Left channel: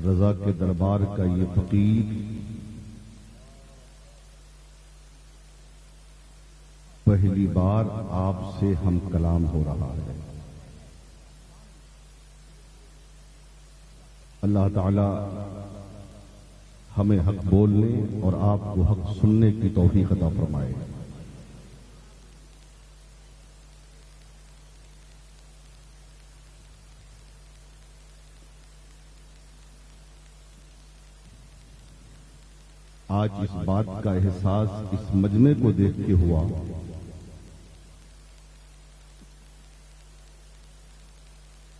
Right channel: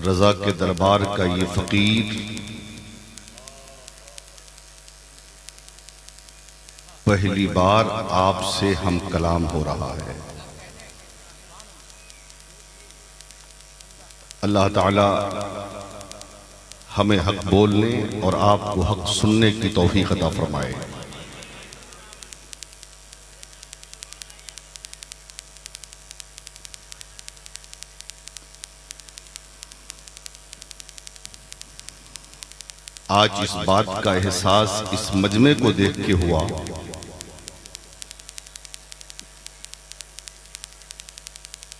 रजा के दरबार का ये फकीर पहली बार आपसे हम कलाम हो रहा है। अल्लाह ताला हमें हक बोलने और आपको हक सुनने की तौफीक अता फरमाए। आज इस बात का एहसास इस मजमे को देख के हुआ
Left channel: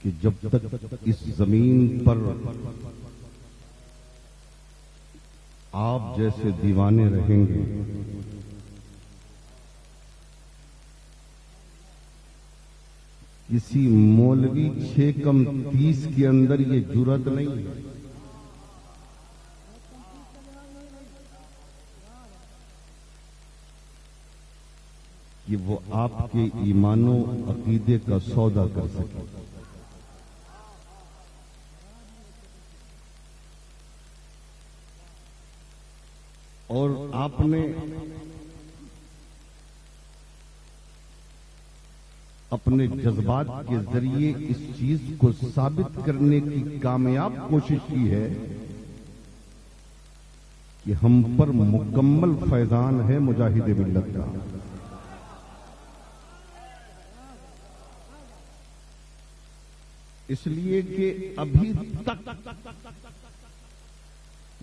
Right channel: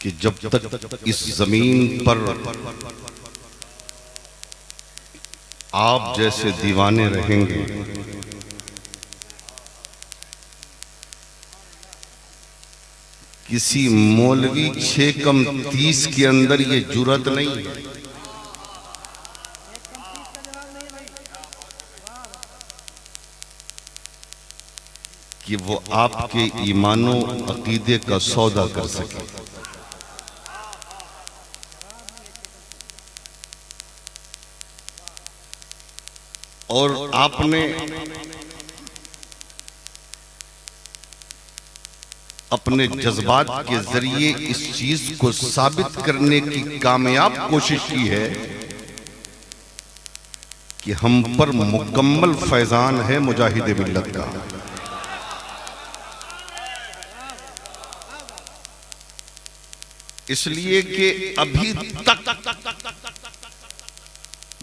कि जब तक इस जमीन पर आप जैसे दीवाने रहेंगे, किसी मौलवी 6 कम 30 के अंदर ये जुर्रत नहीं है कि वो आपके ईमानो अकीदे का सौदा कर सके। और आपने अपने जज्बात के जरिए इस चीज को साबित करने की कामयाब कोशिश की है कि हम पर मुकम्मल फैजान है मुजाहिद मिल्लत का। इसलिए कि अभी तक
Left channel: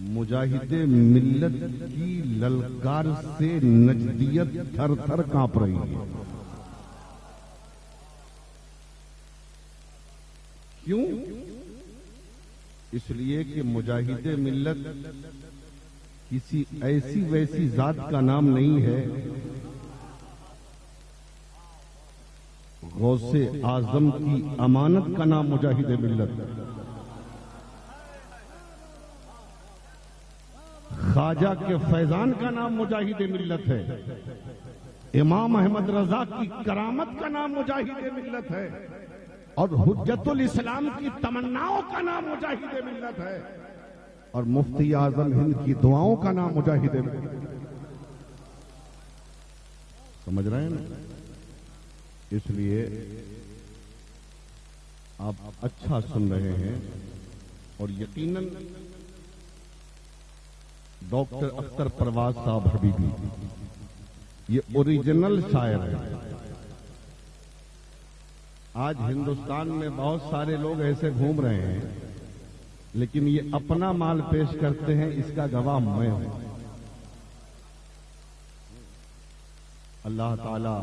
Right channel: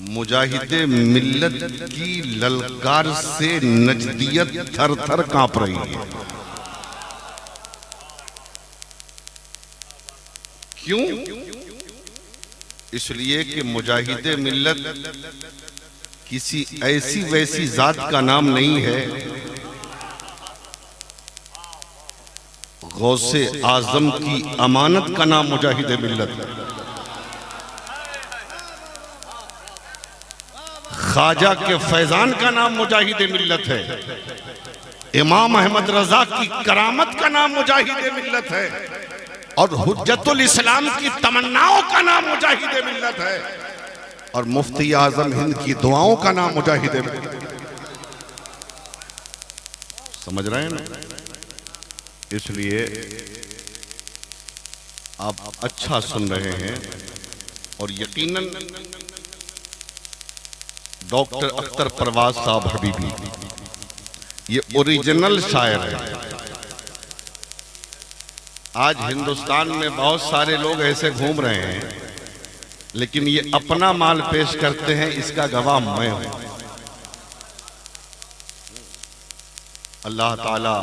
मुजाहिदे मिल्लत की ललकार से नजदियत थर थर कांप रही है। क्यों? इसलिए कि मुजाहिदे मिल्लत किसी ऐसी वैसी जात का नाम नहीं है, गौसे आजम की अमानत का नाम मुजाहिदे मिल्लत है। ख्वाजा के फैजान का नाम मुजाहिदे मिल्लत है। इमाम अहमद रजा की करामत का नाम मुजाहिदे मिल्लत है। और हुज्जतुल इस्लाम की तमन्नाओं का नाम मुजाहिदे मिल्लत है। और मुफ्ती आजम हिंद की दुआओं का नाम मुजाहिदे मिल्लत है। समझ रहे हैं ना? इसलिए आप अच्छा सुन रहे हैं। और यकीनन डॉक्टर अख्तर परवाज साहब हबीबी ये ओरिजिनल शायर है। आज हिंदुस्तान में बहुत सारे लोग ऐसे घूम रहे हैं, लेकिन ये अपना माल पेश करते हैं, इसका गवाह मैं हूं। अल्लाह ताला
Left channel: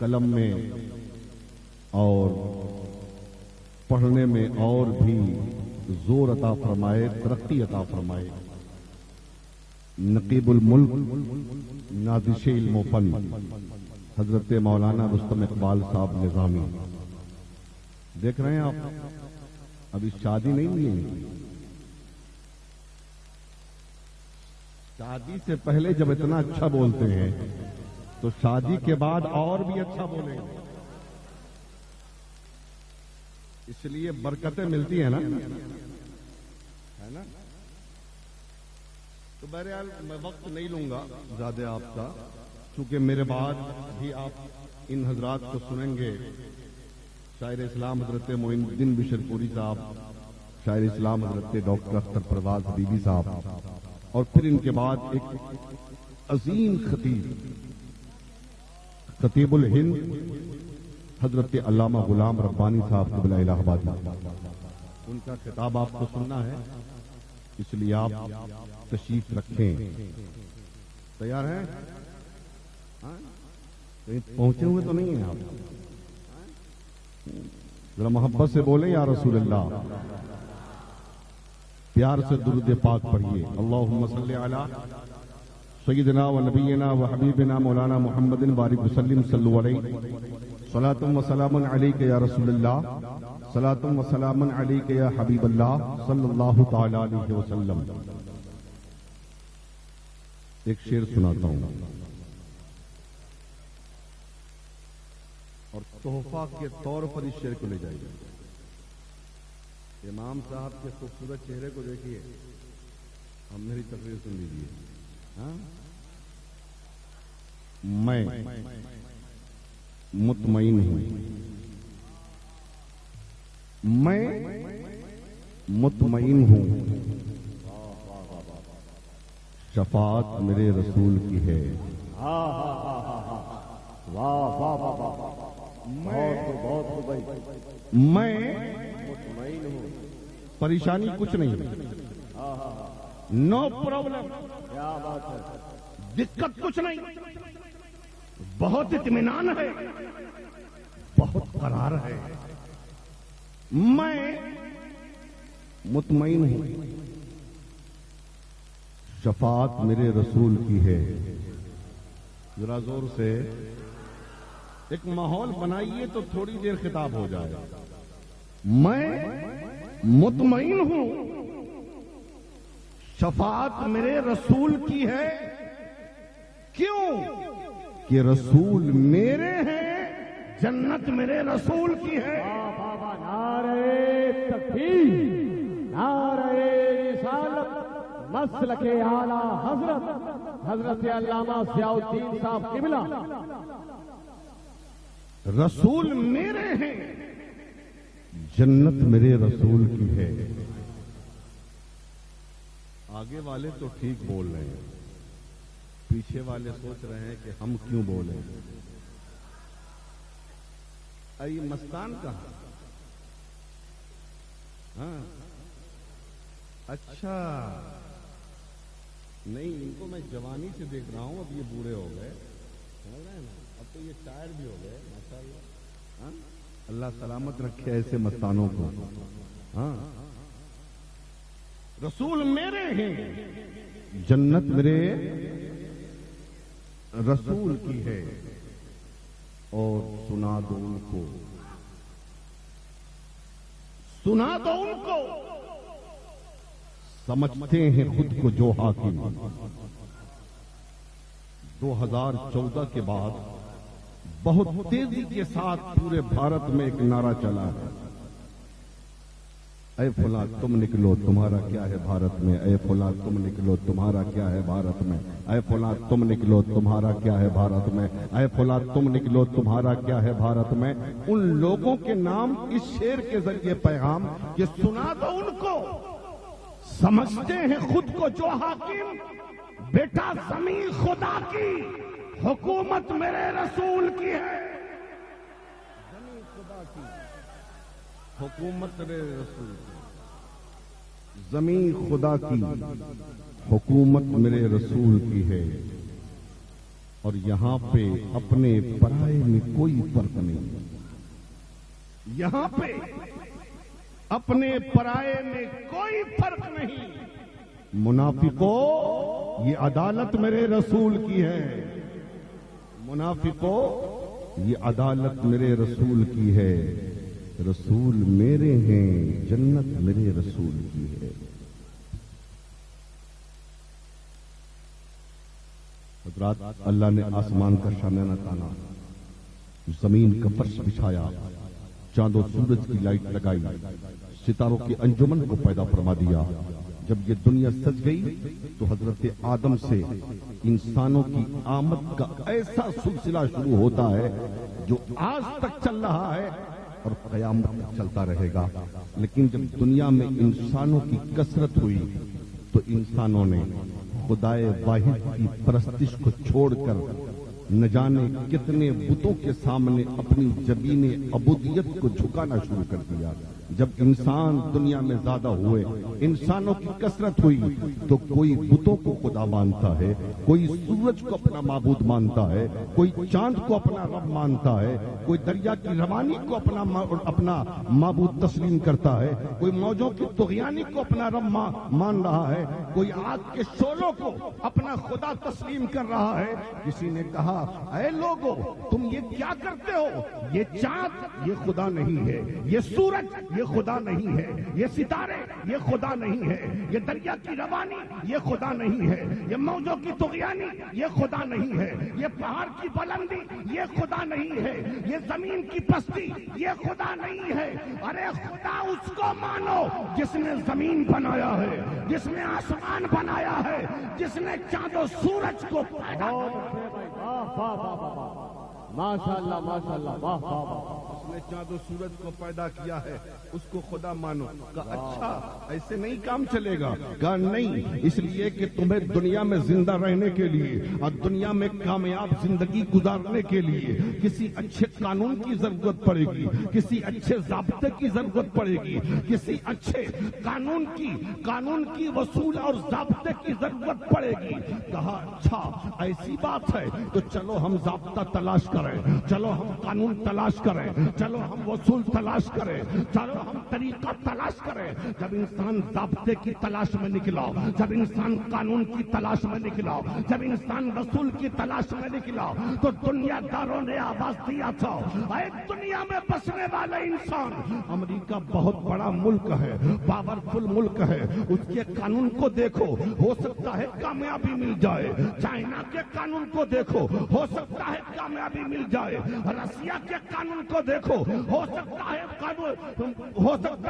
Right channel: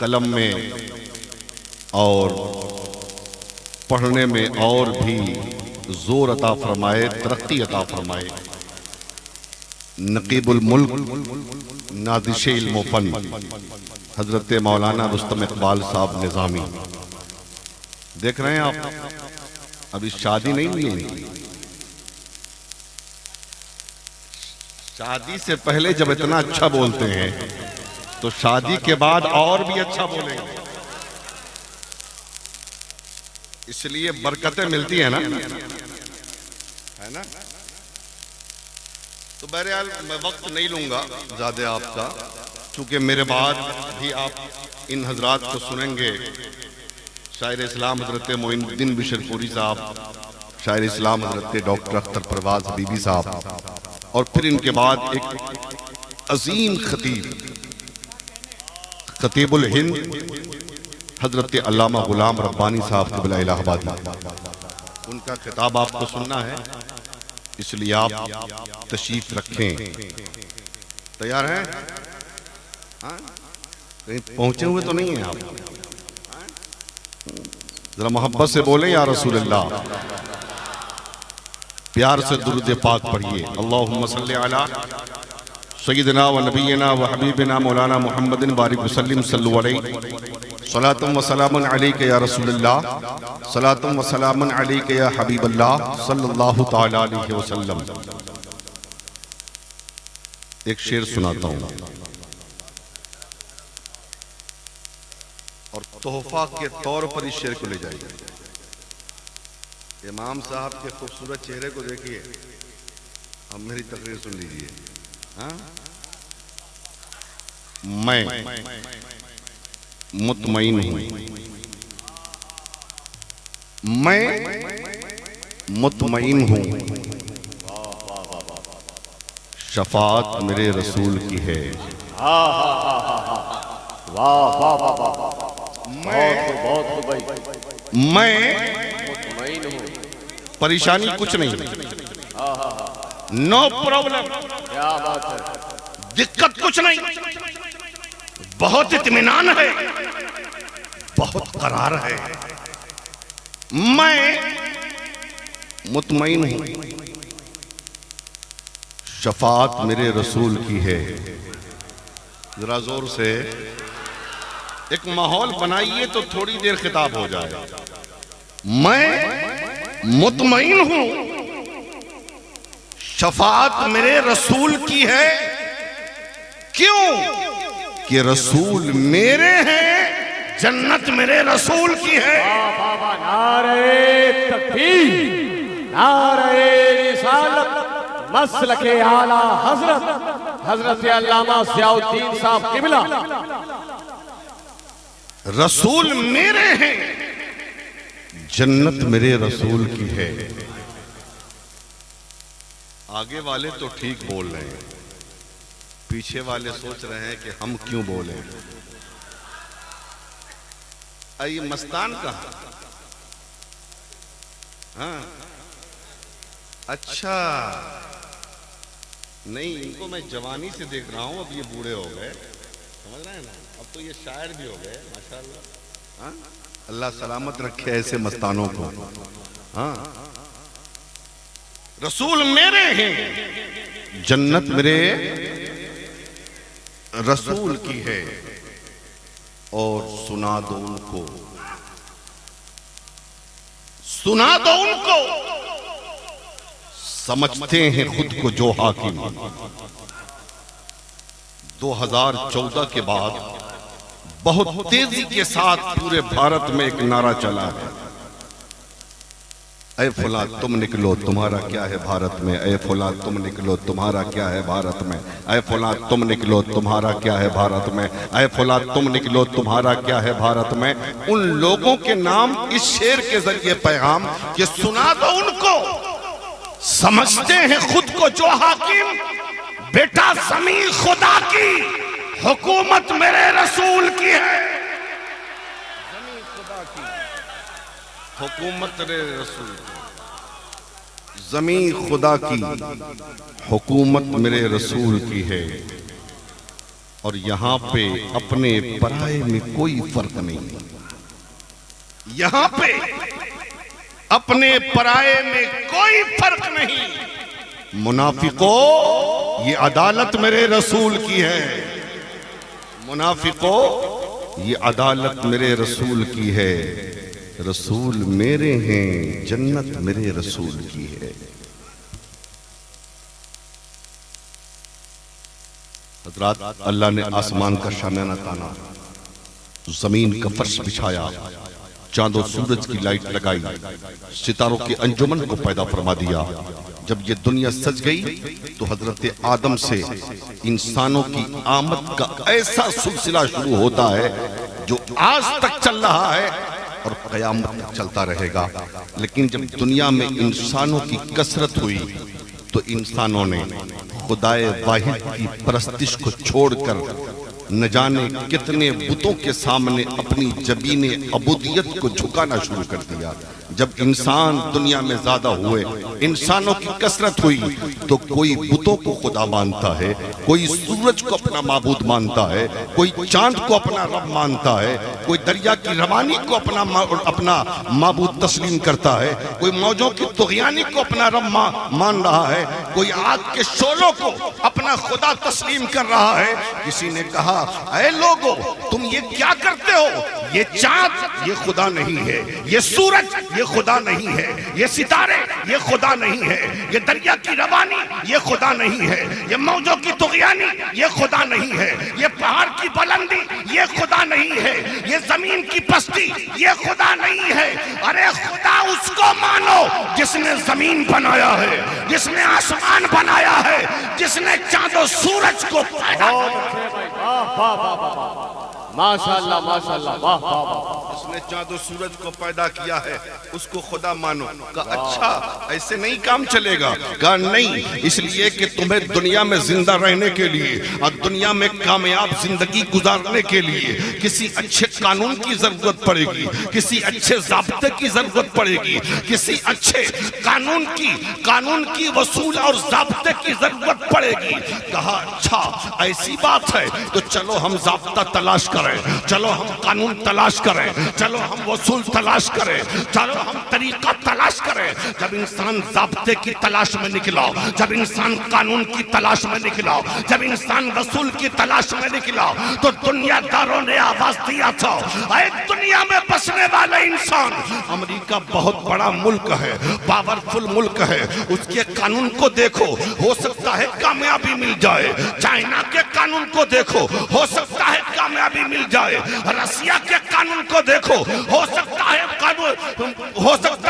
कलम में और पढ़ने में और भी जोर अता फरमाए, तरक्की अता फरमाए। नकीबुल मुल्क नादिशे इल्म फन हजरत मौलाना रुस्तम इकबाल साहब निजामी, देख रहे हैं आप? अभी शादी नहीं हुई। शादी से पहले जब इतना अच्छा बोलते हैं तो शादी के बाद और भी अच्छा बोलेंगे। इसलिए बरकतें मिलती है ना, है ना? तो बहरहाल मैं वक्त नहीं लूंगा ज्यादा आपका, चूंकि मेरे बाद भी आप इन हजरात को सुनेंगे। शायर इस्लाम हजरत मोइनुद्दीन बिशरपुरी साहब, शायर इस्लाम हजरत डॉक्टर अख्तर परवाज हबीबी साहब, और फिर इनके बाद एक अजीम खतीब खतीबुल हिंद हजरत अल्लामा गुलाम रब्बानी साहब क़िबला इलाहाबादी, उनका खिताब आपको सुनना है। इसलिए आप तशरीफ रखें। तैयार हैं? कहीं पहुंचे हुए तो नहीं हैं आप? जरा मोहब्बत से बोले या रसूल अल्लाह। प्यार से दुरूद पाक पढ़िए। अल्लाहुम्मा सल्ली अला सय्यिदिना व नबीना व हबीबिना मौलाना मुहम्मदिन बारिक वसल्लिम सल्लु अलैहि सलातुम व सलामुन अलैका या रसूलल्लाह, सलातुम व सलामुन अलैका या हबीबल्लाह सल्लल्लाहु तआला अलैहि वसल्लम। एक शेर सुनाता हूं और तोहफा के तौर पर इस शेर को ले जाइए। इमाम साहब के खूबसूरत चेहरे को देखिए, अब मेरी तकरीर सुन लीजिए। हाँ, मैं मुतमईन हूं, मैं मुतमईन हूं, शफात मेरे रसूल की है। वाह वाह वाह वाह, बहुत भाई। मैं मुतमईन हूँ, परेशानी कुछ नहीं, नो प्रॉब्लम, क्या बात है, दिक्कत कुछ नहीं, बहुत इत्मीनान है, बहुत करार है। मैं मुतमईन हूं, शफात मेरे रसूल की है। जरा जोर से एक माहौल बनाइए तो थोड़ी देर खिताब हो जाए। मैं मुतमईन हूं, शफात मेरे रसूल की है। क्यों? कि रसूल मेरे हैं, जन्नत मेरे रसूल की है। बाबा नारे तकबीर, नारे रिसालत, मसलके आला हजरत अल्लामा ज़ियाउद्दीन साहब किबला। रसूल मेरे हैं, जन्नत मेरे रसूल की है। आगे वाले तो ठीक बोल रहे हैं, पीछे वाले सोच रहे हैं कि हम क्यों बोले। ये मस्तान कहाँ? हाँ, अच्छा, नहीं, इनको मैं जवानी से देख रहा हूं, अब ये बूढ़े हो गए, समझ रहे हैं ना, अब तो ये शायर भी हो गए माशाल्लाह। हाँ, अल्लाह सलामत रखे ऐसे मस्तानों को। हाँ, रसूल मेरे हैं, जन्नत मेरे रसूल की है। और सुना दो उनको, सुना दो उनको, समझते हैं खुद को जो हाकिम। 2014 के बाद बहुत तेजी के साथ पूरे भारत में एक नारा चला है, ऐ फुला तुम निकलो तुम्हारा क्या है भारत में, ऐ फुला तुम निकलो तुम्हारा क्या है भारत में, ऐ फुला तुम निकलो तुम्हारा क्या है भारत में, ऐ फुला तुम निकलो तुम्हारा क्या है भारत में। उन लोगों के नाम इस शेर के जरिए पैगाम कि सुना दो उनको, समझते हैं खुद को जो हाकिम। बेटा ज़मीन खुदा की, हुकूमत मेरे रसूल की है। ज़मीन खुदा की, हुकूमत मेरे रसूल की। ज़मीन खुदा की, हुकूमत मेरे रसूल की है। और यहां पे अपने पराये में कोई फर्क नहीं, यहां पे अपने पराये में कोई फर्क नहीं। मुनाफिकों, ये अदालत मेरे रसूल की है। मुनाफिकों, ये अदालत मेरे रसूल की है। रसूल मेरे हैं, जन्नत मेरे रसूल की है। हज़रात, अल्लाह ने आसमान का शामियाना ताना, जमीन का फर्श बिछाया, चांदो सूरज की लाइट लगाई, सितारों के अंजुमन को पैदा फरमा दिया। जब ये दुनिया सज गई तो हजरत आदम से इंसानों की आमद का ऐसा सिलसिला शुरू होता है जो आज तक चल रहा है और क़यामत तक चलता रहेगा। लेकिन जब दुनिया में इंसानों की कसरत हुई तो इंसानों ने खुदाए वाहिद की परस्तिश को छोड़कर न जाने कितने बुतों के सामने अपनी जबीने अबूदियत को झुकाना शुरू कर दिया। जब इंसान दुनिया में ज्यादा हुए, इंसानों की कसरत हुई, तो कोई बुतों को खुदा मानता है, कोई सूरज को अपना माबूद मानता है, कोई चांद को अपना रब मानता है, कोई दरिया की रवानी को अपना माबूद तस्लीम करता है, कोई मौजों की तुग़यानी को अपना रब मान रहा है, कोई आग के शोलों को अपना खुदा तस्लीम कर रहा है। किसी ने कहा, ऐ लोगों, तुम ये क्या करते हो? ये चांद ये खुदा नहीं है, ये सूरज ये खुदा नहीं है, ये सितारे ये खुदा नहीं है, ये दरिया की रवानी ये खुदा नहीं है, ये मौजों की तुगयानी ये खुदा नहीं है, ये पहाड़ की बुलंदी ये खुदा नहीं है, ये जमीन की पस्ती ये खुदा नहीं है। अरे खुदा उसको मानो जिसने जमीन बनाया है, जिसने आसमान बनाया है, जिसने चांदो सूरज को पैदा माशाल्लाह माशाल्लाह, वाह वाह वाह। उसने चांदो सूरज को पैदा किया है, उसको खुदा मानो। कहा अच्छा ऐसे नहीं काम चलेगा। कहा नहीं, इसलिए कि तुम्हें दुनिया में जिंदा रहने के लिए और दुनिया में कामयाब जिंदगी गुजारने के लिए किसी अच्छे कानून की जरूरत पड़ेगी, किसी अच्छे ज़ाब्ते की जरूरत पड़ेगी, किसी अच्छे कानून की वसूल और ज़ाब्ते की जरूरत पड़ेगी। कहा अच्छा ऐसी बात है तो चलो हम ज़ाब्ता तलाश करें, चलो हम कानून तलाश करें, चलो हम वसूल तलाश करें, चलो हम तरीका तलाश करें। जब इंसान ज़ाब्ते की तलाश में निकला, जब इंसान कानून की तलाश में निकला, जब इंसान वसूल की तलाश में निकला, तो दुनियादारों ने आवाज दिया था, अरे दुनिया में बसने वाले इंसान, अमेरिका बहुत बड़ा मुल्क है, पावरफुल मुल्क है, उसके कानून को देखो, हो सकता है कामयाबी मिल जाए। चाइना के कानून को देखो, हो सकता है कामयाबी मिल जाए। रसिया के कानून को देखो, हो सकता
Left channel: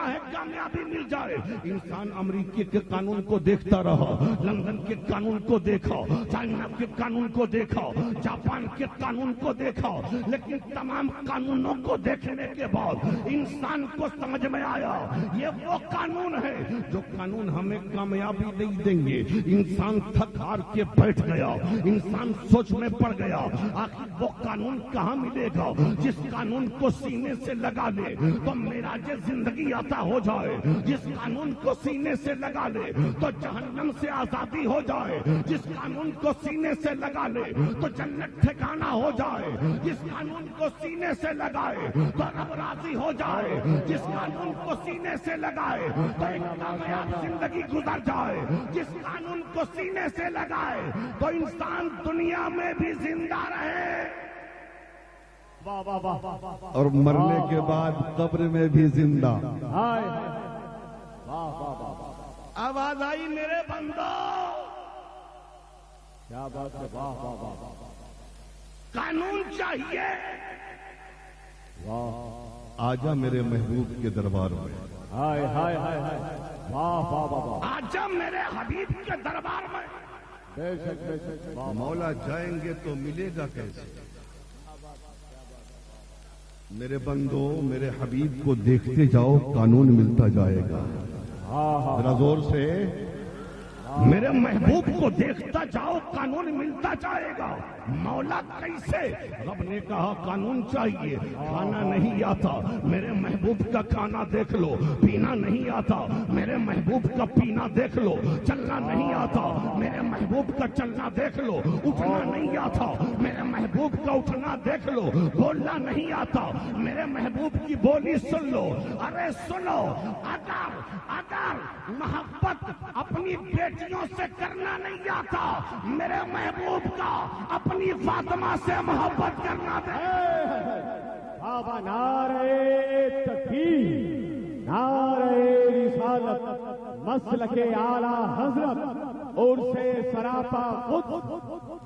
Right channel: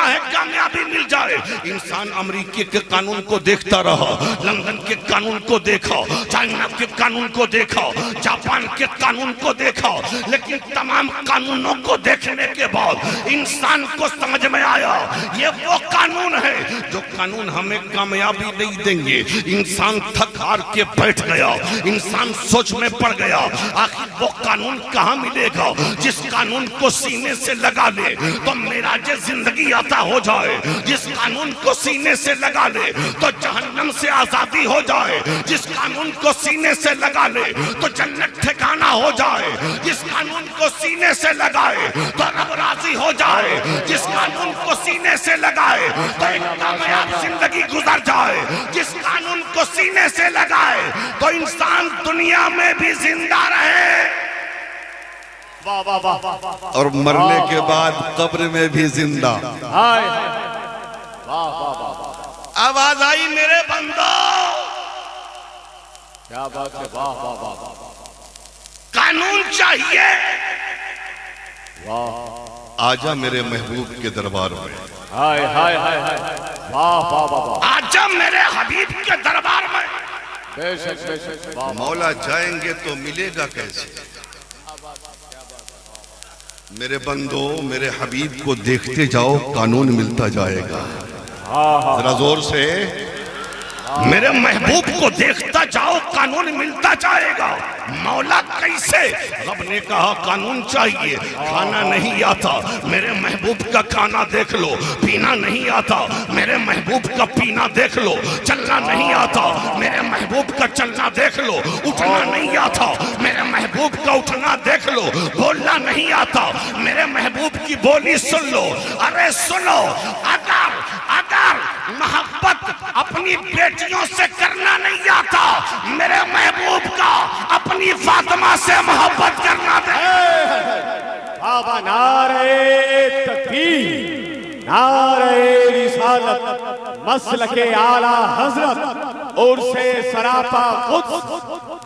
है कामयाबी मिल जाए। इंसान अमेरिकी के कानून को देखता रहा, लंदन के कानून को देखा, चाइना के कानून को देखा, जापान के कानून को देखा, लेकिन तमाम कानूनों को देखने के बाद इंसान को समझ में आया ये वो कानून है जो कानून हमें कामयाबी नहीं देंगे। इंसान थक हार के बैठ गया, इंसान सोच में पड़ गया, आखिर वो कानून कहाँ मिलेगा जिस कानून को सीने से लगा ले तो मेरा जो जिंदगी आता हो जाए, जिस कानून को सीने से लगा ले तो जहन्नम से आजादी हो जाए, जिस कानून को सीने से लगा ले तो जन्नत ठिकाना हो जाए, जिस कानून को सीने से लगाए तो रब राजी हो जाए, जिस कानून को सीने से लगाए तो एक कामयाब जिंदगी गुजर जाए, जिस कानून को सीने से लगाए तो इंसान दुनिया में भी जिंदा रहे वाह वाह वाह, और मरने के बाद कब्र में भी जिंदा। हाय वाह वाह वाह, आवाज आई मेरे बंदो, क्या बात है, वाह वाह वाह, कानून चाहिए। वाह आजा मेरे महबूब के दरबार में, हाय हाय हाय हाय, वाह वाह वाह, आजा मेरे हबीब के दरबार में। बेशक बेशक, वाह मौला जाएंगे तो मिलेगा कैसे। मेरे बंदो मेरे हबीब को देखते जाओ, कानून मिलता जाएगा। जरा जोर से, मेरे महबूब को देखता जाओ, कानून मिलता जाएगा। मौला कैसे? रब ने कहा कानून चाहिए, खाना नहीं आता, मेरे महबूब का खाना देख लो। पीना नहीं आता, मेरे महबूब का पीना देख लो। चलना नहीं आता, मेरे महबूब का चलना देख लो। उठना नहीं आता, मेरे महबूब का उठना देख लो। बोलना नहीं आता, मेरे महबूब की बोली सुन लो। अरे सुनो, अगर मोहब्बत अपनी बेटियों से करना नहीं आता, मेरे महबूब का अपनी फातिमा से मोहब्बत करना दे। बाबा नारे तकबीर, नारे रिसालत, मसलके आला हजरत और से सरापा कुद्स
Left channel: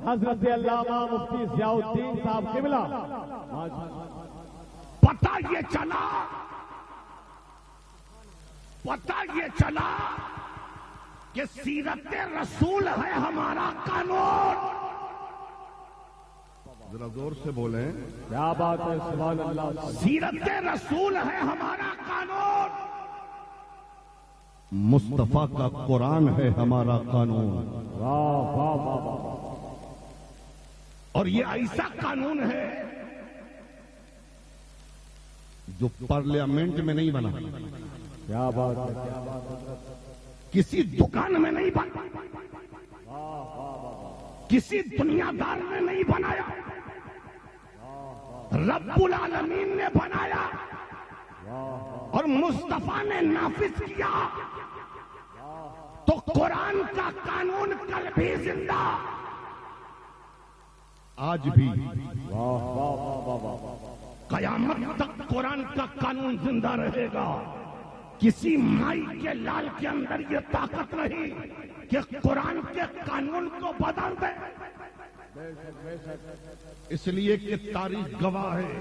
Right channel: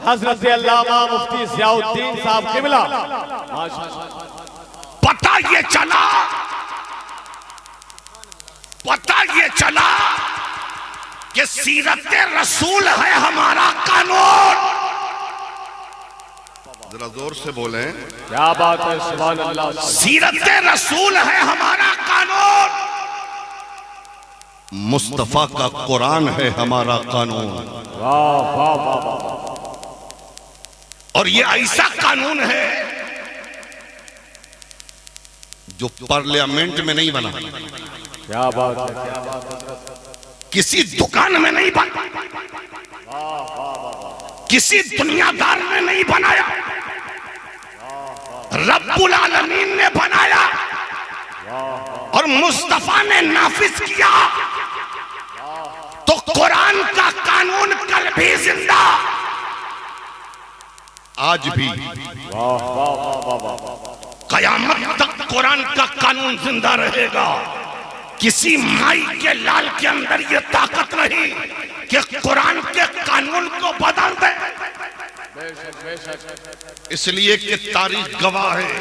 हजरत अल्लामा मुफ्ती ज़ियाउद्दीन साहब क़िबला। पता ये चला कि सीरत रसूल है हमारा कानून। जरा जोर से बोले, क्या बात है, सुभान अल्लाह। सीरत रसूल है हमारा कानून। मुस्तफा का कुरान है हमारा कानून। वाह वाह वाह, और ये ऐसा कानून है जो पार्लियामेंट में नहीं बना, क्या बात है, क्या बात है, किसी दुकान में नहीं बना, किसी दुनियादार ने नहीं बनाया, रब्बुल आलमीन ने बनाया और मुस्तफा ने नाफिज किया। तो कुरान का कानून कल भी जिंदा, आज भी, वाह वाह वाह वाह, कयामत तक कुरान का कानून जिंदा रहेगा। किसी माई के लाल के अंदर ये ताकत नहीं कि कुरान के कानून को बदल दे। इसलिए कि तारीख गवाह है,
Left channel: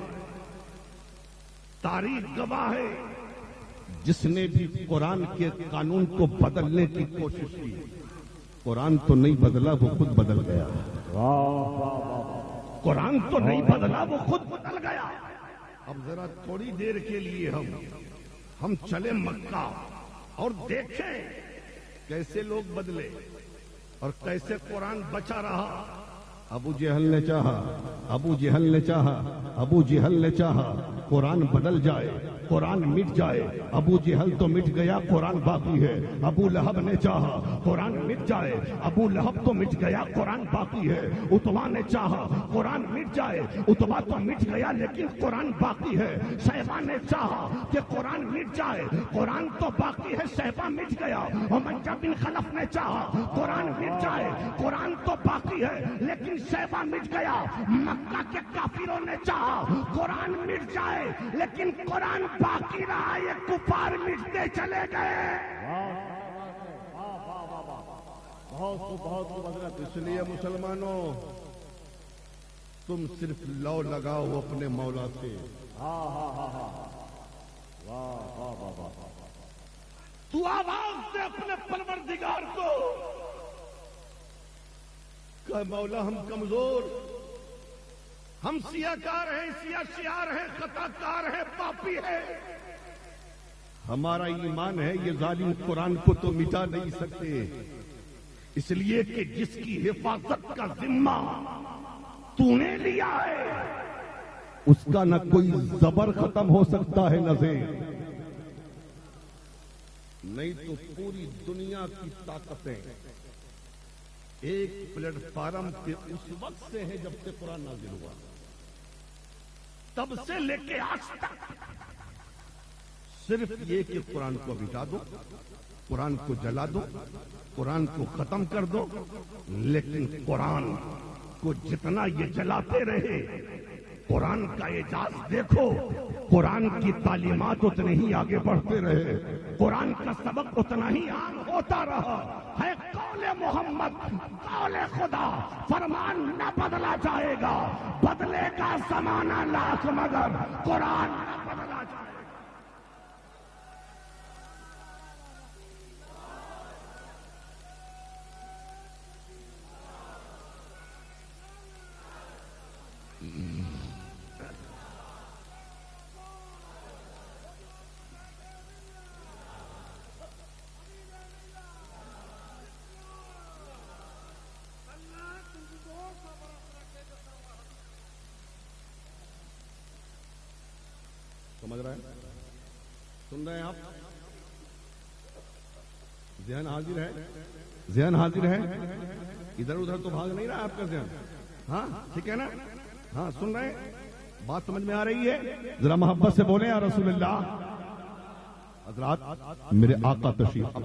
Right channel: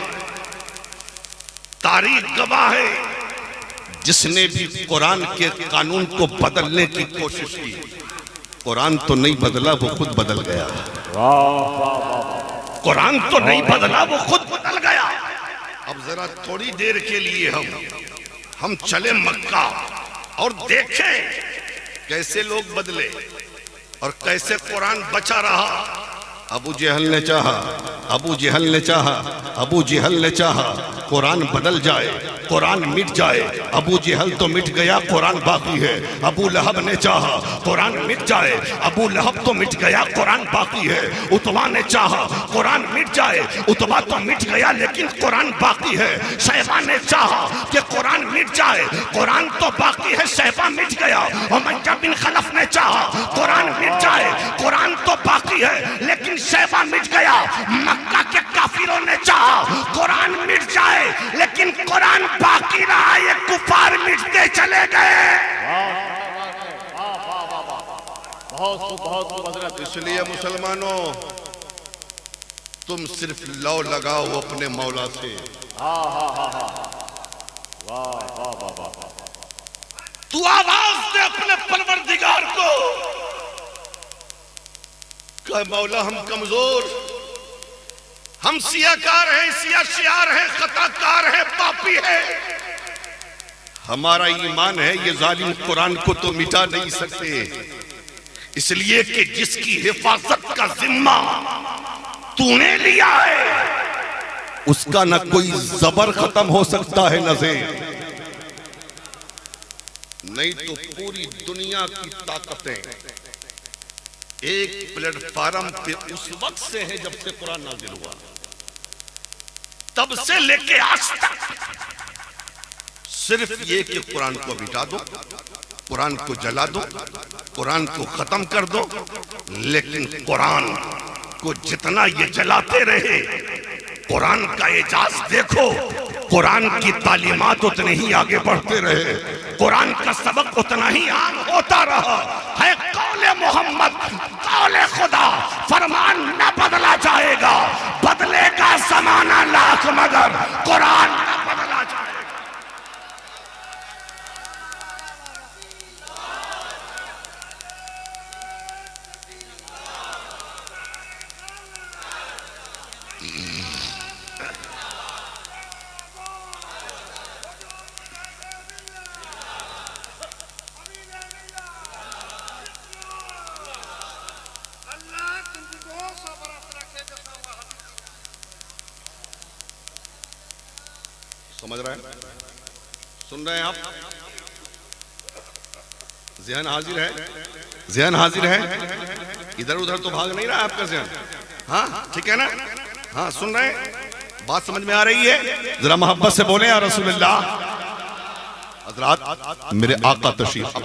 तारीख गवाह है, जिसने भी कुरान के कानून को बदलने की कोशिश की, कुरान तो नहीं बदला, वो खुद बदल गया। कुरान तो नहीं बदला, वो खुद बदल गया। अब जरा थोड़ी देर के लिए हम चले मक्का और देखें कैसे लोग बदले और कैसे कुरान बचा रहा। अबू जहल ने चाहा, अबू जहल ने चाहा, अबू जहल ने चाहा कुरान बदल जाए, कुरान मिट जाए। अबू जहल तो मिट गया, कुरान बाकी है। अबू लहब ने चाहा कुरान मिट जाए, अबू लहब तो मिट गया, कुरान बाकी है। उतबा ने चाहा कुरान मिट जाए, उतबा तो मिट गया लेकिन कुरान बाकी है। शैबा ने चाहा कि कुरान मिट जाए, कुरान तो बाकी है, शैबा मिट गया। उमय्या बिन खलफ ने चाहा कुरान मिट जाए, कुरान तो बाकी है लेकिन शैबा मिट गया। मक्का के काफिरों ने चाहा कुरान मिट जाए लेकिन कुरान बाकी रहा, ये कुफार मिटते चले गए। बहुत हजरत। इसलिए मुसलमानों, तुम सिर्फ लौ लगाओ अपने मौला से। तू आवाज दे अपने परवरदिगार को, कह मौला हम कमजोर, हम सियाकार हैं, सियाशियार हैं, खताकार हैं, पापी हैं। हमारा ईमान है ये जालिम कुरान को तो मिटा नहीं सकते, इसलिए कि जिसकी हिफाजत का जिम्मा तूने लिया है उसका न कोई जबर खत्म हो सकता है न से, नहीं तो पूरी दुनिया की ताकतें एक प्लेटफार्म पे उस वक्त से है जब से कुरान नाज़िल हुआ, तब से लेके आज तक सिर्फ ये कि कुरान को मिटा दो, कुरान को जला दो, कुरान को खत्म कर दो। लेकिन कुरान को जितना ये जलाते रहे, कुरान का एजाज देखो, कुरान की तालीमात उतने ही आगे बढ़ते रहे, कुरान का सबक उतना ही आम होता रहा है। कौले मोहम्मद, कौले खुदा, फरमान न बदला जाएगा, बदलेगा जमाना लाख मगर कुरान न बदला जाएगा। समझ रहे हैं, सुन रहे हैं आप? ज़हन हाजिर है, ज़हन हाजिर है, इधर उधर तो भाग नहीं रहा है आपका ज़हन। हाँ ठीक है ना? हाँ सुन रहे हैं, बात समझ में आ रही है? जरा मोहब्बत से बोले या रसूलुल्लाह। हज़रात मेरे आका तशरीफ,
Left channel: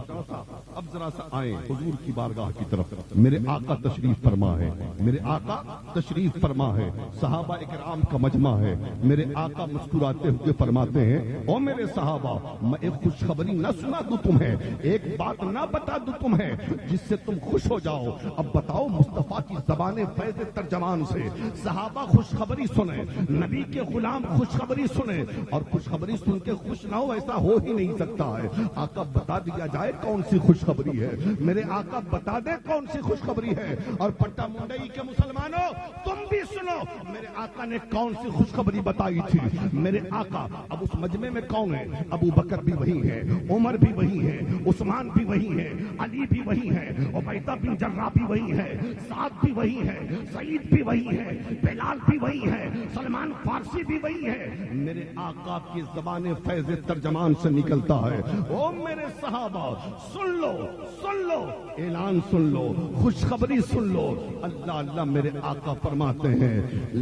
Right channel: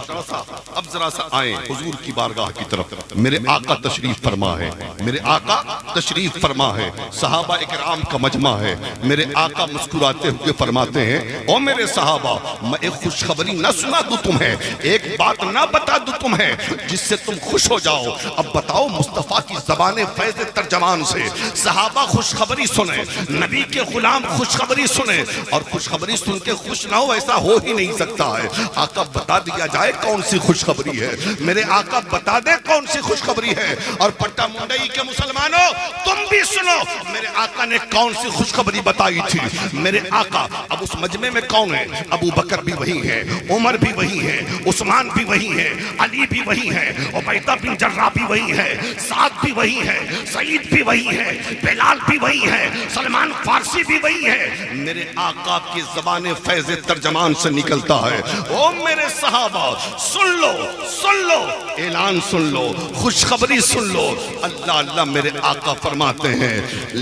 अब जरा सा आए हुजूर की बारगाह की तरफ। मेरे आका तशरीफ फरमा है, मेरे आका तशरीफ फरमा है, सहाबा इकराम का मजमा है। मेरे आका मुस्कुराते हुए फरमाते हैं, ओ मेरे सहाबा, मैं एक खुशखबरी न सुना दूं तुम्हें, एक बात ना बता दूं तुम्हें जिससे तुम खुश हो जाओ। अब बताओ मुस्तफ़ा की ज़बान फैज़ तर्जमान से सहाबा खुशखबरी सुने, नबी के गुलाम खुशखबरी सुने, और खुशखबरी सुन के खुश ना हो ऐसा हो ही नहीं सकता है। आका बता दिया जाए कौन सी खुशखबरी है, मेरे आका बता दे कौन सी खुशखबरी है। और पट्टा मुंडई के मुसलमानों तुम भी सुनो, मेरे आका ने कौन सी खुशखबरी बताई थी। मेरे आका अब उस मजमे में कौन है? अबू बकर भी वही है, उमर भी वही है, उस्मान भी वही है, अली भी वही है, उबैदा बिन जर्राह भी वही है, साद भी वही है, सईद भी वही है, बिलाल भी वही है, सलमान फारसी भी वही है। मेरे आका की ज़बान फैज़ तर्जमान से निकलता है, ओ मेरे सहाबा सुन लो, सुन लो, ऐलान सुन लो, खुशखबरी सुन लो। अल्लाह अल्लाह मेरे आका फरमाते हैं,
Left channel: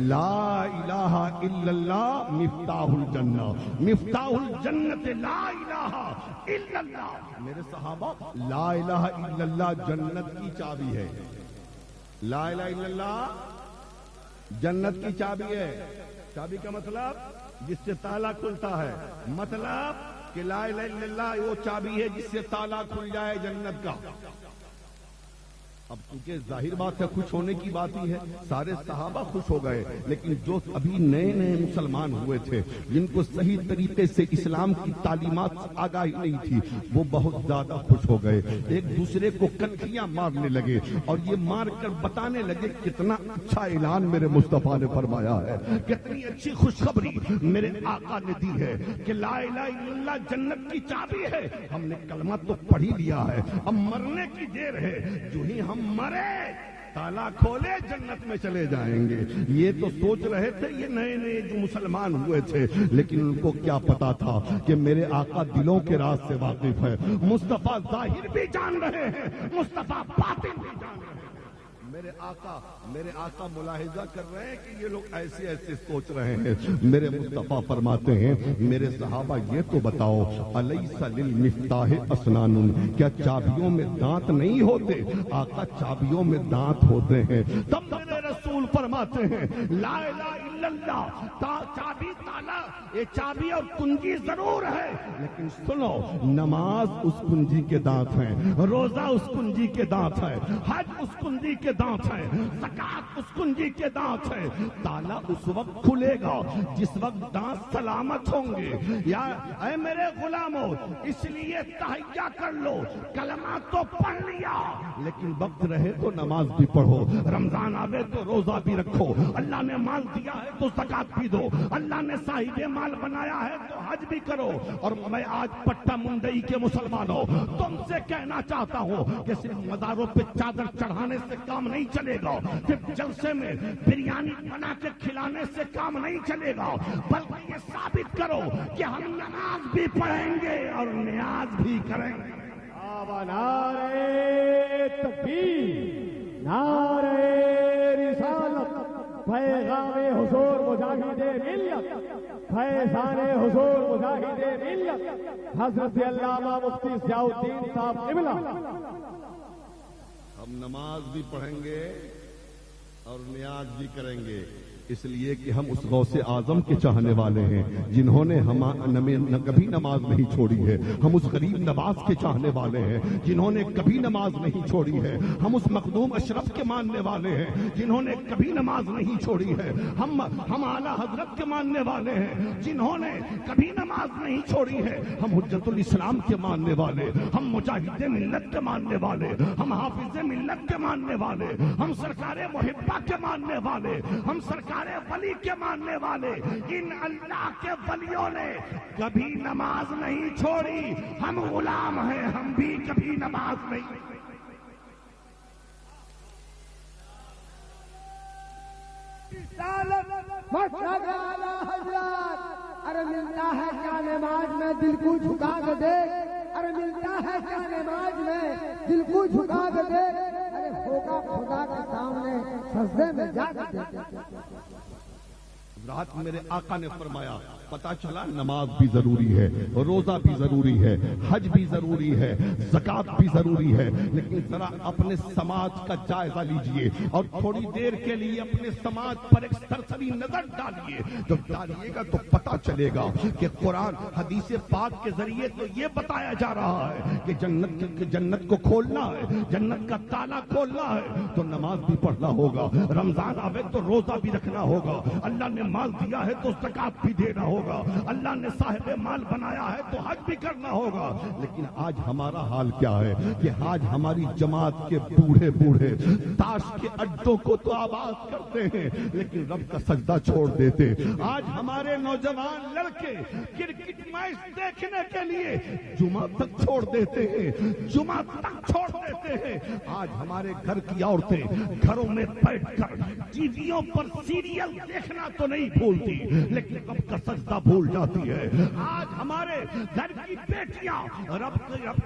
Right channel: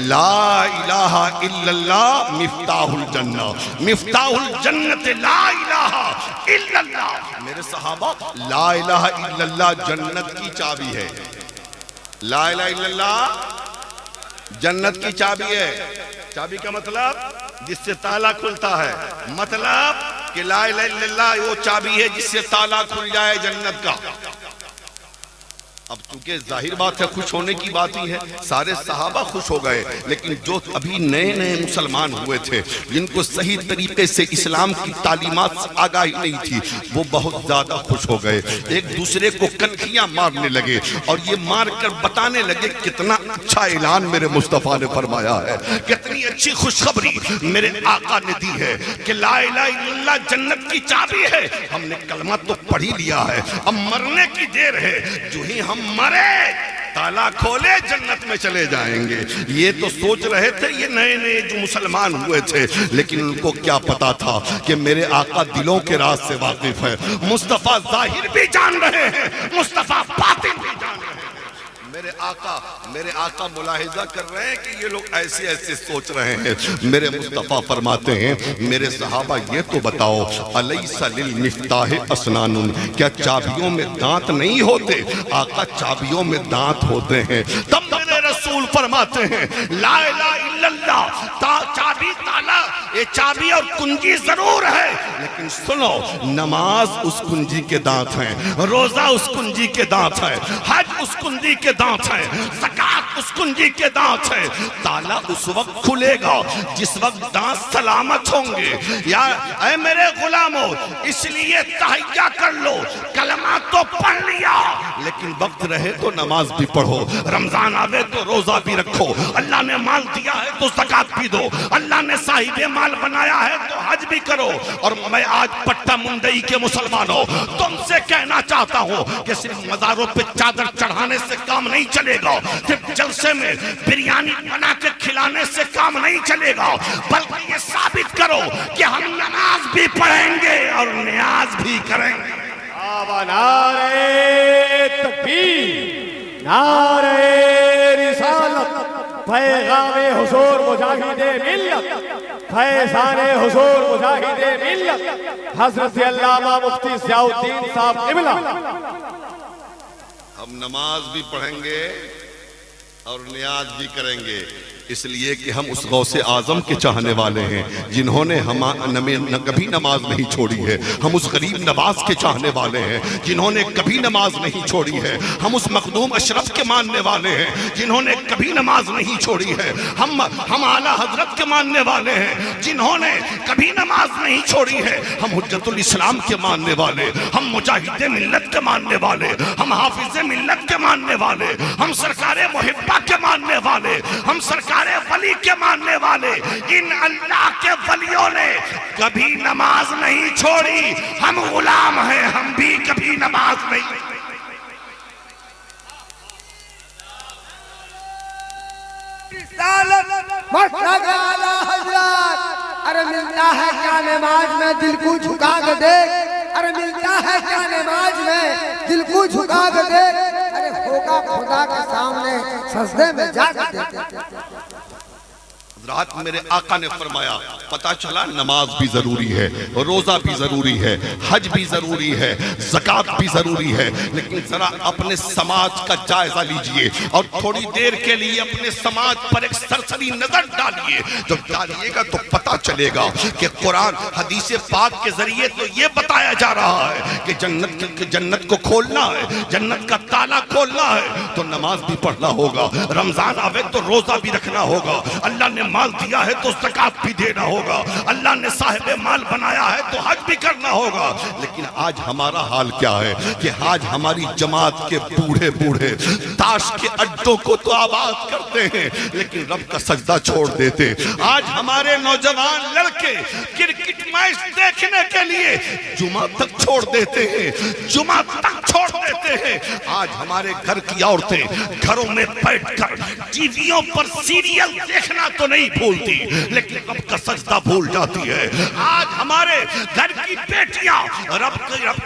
ला इलाहा इल्लल्लाह मिफ्ताहुल जन्नह, मिफ्ताहुल जन्नत ला इलाहा इल्लल्लाह। मेरे सहाबा ला इलाहा इल्लल्लाह जन्नत की चाबी है। ला इलाहा इल्लल्लाह जन्नत की चाबी है। चाबी का मतलब जिससे ताला खुलता है, मतलब कि ला इलाहा इल्लल्लाह वो चाबी है जिससे ताला खुल जाए जन्नत का। अब चूंकि जाहिर बात है खुश होने की बात ही है, सारे सहाबा खुश हो गए, लेकिन जो अभी नए नए मुसलमान हुए थे, जिनको सही तरीके से इस्लाम की तालीमात से आगाही नहीं थी, वो बहुत ज्यादा खुश हो गए। एक दूसरे को कनखियां मारने लगे और ये मार कर बताने लगे कितना अच्छा ऐलान मेरे मुस्तफा ने फरमाया है, कितनी अच्छी खुशखबरी मेरे आका ने दी है कि ला इलाहा इल्लल्लाह जन्नत की चाबी है। हमने कलमा तो पढ़ ही लिया है, अब मरने की देर है, जो ही हम मरे ताला खोले जन्नत में चले जाएंगे। ये तो सोच रहे थे ये नए नए जो मुसलमान हुए थे, लेकिन उनको क्या पता था कि मेरे आका दिलों के राज से वाकिफ है। मुस्तफा जाहिर भी जान रहे हैं, मुस्तफा बातिन भी जान रहे हैं। मेरे आका मुलाहिजा कर रहे हैं कि ये लोग ऐसे ऐसे सोच रहे हैं। मेरे मुस्तफा फरमाते हैं, मेरे सहाबा ये तो बताओ, अलैसा लिल मिफ्ताह असनानुन, क्या चाबियों में दांत नहीं होते? आका चाबियों में दांत होते हैं। तब मेरे रसूल फरमाते हैं, ला इलाहा इल्लल्लाह चाबी ताला, ये चाबी और कुंजी जरूर है, लेकिन सुनो, नमाज उस कुंजी के दांत हैं, रोजा उस कुंजी के दांत है, हज उस कुंजी के दांत है, ज़कात उस कुंजी के दांत है। ताला उस वक्त खुलेगा जिस वक्त दांत सलामत होंगे। या ऐ मेरे गुलामों, इसलिए तहय्या कर लो, कलमा तो पढ़ लिया, लेकिन वक्त रहे तो नमाज भी पढ़ो, रमजान आवे तो रोजा भी रखो, अल्लाह ने माल दिया है तो ज़कात भी दो, अल्लाह ने साहिबे माल बनाया है तो हज भी करो। और मैं आज पट्टा मुंडई के मुसलमानों तुमसे कहना चाहता हूँ कि सिर्फ मज़ारों पे चादर चढ़ाने से काम नहीं चलेगा, सिर्फ जलसे में बिरयानी बना के खिलाने से काम नहीं चलेगा, बल्कि ये साबित करो कि हम नमाज भी पढ़ेंगे और नियाज भी करेंगे। नारे तकबीर, नारे रिसालत, पैगामे हुजूर मुजाहिदे मिल्लत, फैज़ाने हुजूर मुजाहिदे मिल्लत, हज़रत अल्लामा मुफ्ती ज़ियाउद्दीन साहब क़िबला। हम नमाज भी पढ़ेंगे और नियाज भी करेंगे, इसलिए कि हम उस गौसे आजम के चाहने वाले हैं जिन्होंने कभी नमाज नहीं छोड़ी है। हम उस गरीब नवाज के चाहने वाले हैं जिन्होंने कभी नमाज नहीं छोड़ी है। हम उस मखदूम अशरफ के मानने वाले हैं जिन्होंने कभी नमाज नहीं छोड़ी है। हम आला हजरत के मानने वाले हैं जिन्होंने कभी नमाज नहीं छोड़ी है। हम हुज्जतुल इस्लाम के मानने वाले, हम मुजाहिदे मिल्लत के मानने वाले, हम हाफिज़े मिल्लत के मानने वाले, हम सरकारे मुहिब्बा के मानने वाले, हम सरकार वली के मानने वाले, इन अल्लाह के वलियों ने कभी नमाज नहीं छोड़ी। हम गुलाम हैं, हम भी कभी नमाज नहीं। अरे मिलता है क्या नमाज में दिल को झुका के देख, अरे मिलता है क्या नमाज में दिल को झुका के देख, अरे होगा खुदा के सामने सजदे में जाके देख। रात मेरे आका ने फरमाया, पता चला नमाज भी जरूरी है, रोजा भी जरूरी है, हज भी जरूरी है, ज़कात भी जरूरी है, लेकिन जरा अपने समाज का जायजा लीजिए और थोड़ी देर के लिए अपने समाज पर एक सरसरी नजर डालिए। जब डालिएगा तो पता चलेगा कि कुरान हदीस पाक के जरिए तो ये बताया जा रहा है कि जन्नत को खोलना है, जन्नत का ताला खोलना है तो नमाज भी पढ़ना होगा, रमजान आवे तो रोजा भी रखना होगा, अल्लाह ने माल दिया है तो ज़कात भी देना होगा, अल्लाह ने साहिबे माल बनाया है तो हज भी करना होगा। लेकिन आज हमारा हाल क्या है कि आज हमारी जमात के बूढ़े बूढ़े ताश के अड्डों को तो आबाद करते हैं, लेकिन रब का सजदा छोड़ देते। आज हमारे नौजवान लड़के क्रिकेट मैच देखने के लिए जुमा तक छोड़ देते हैं, जुमा तक छोड़ देते हैं। आज हमारे घर की औरतें घरों में बैठकर टीवियों पर सीरियल देखना तो नहीं भूलती, लेकिन रब का सजदा भूल जाती है। आज हमारे घर की बेटियां रब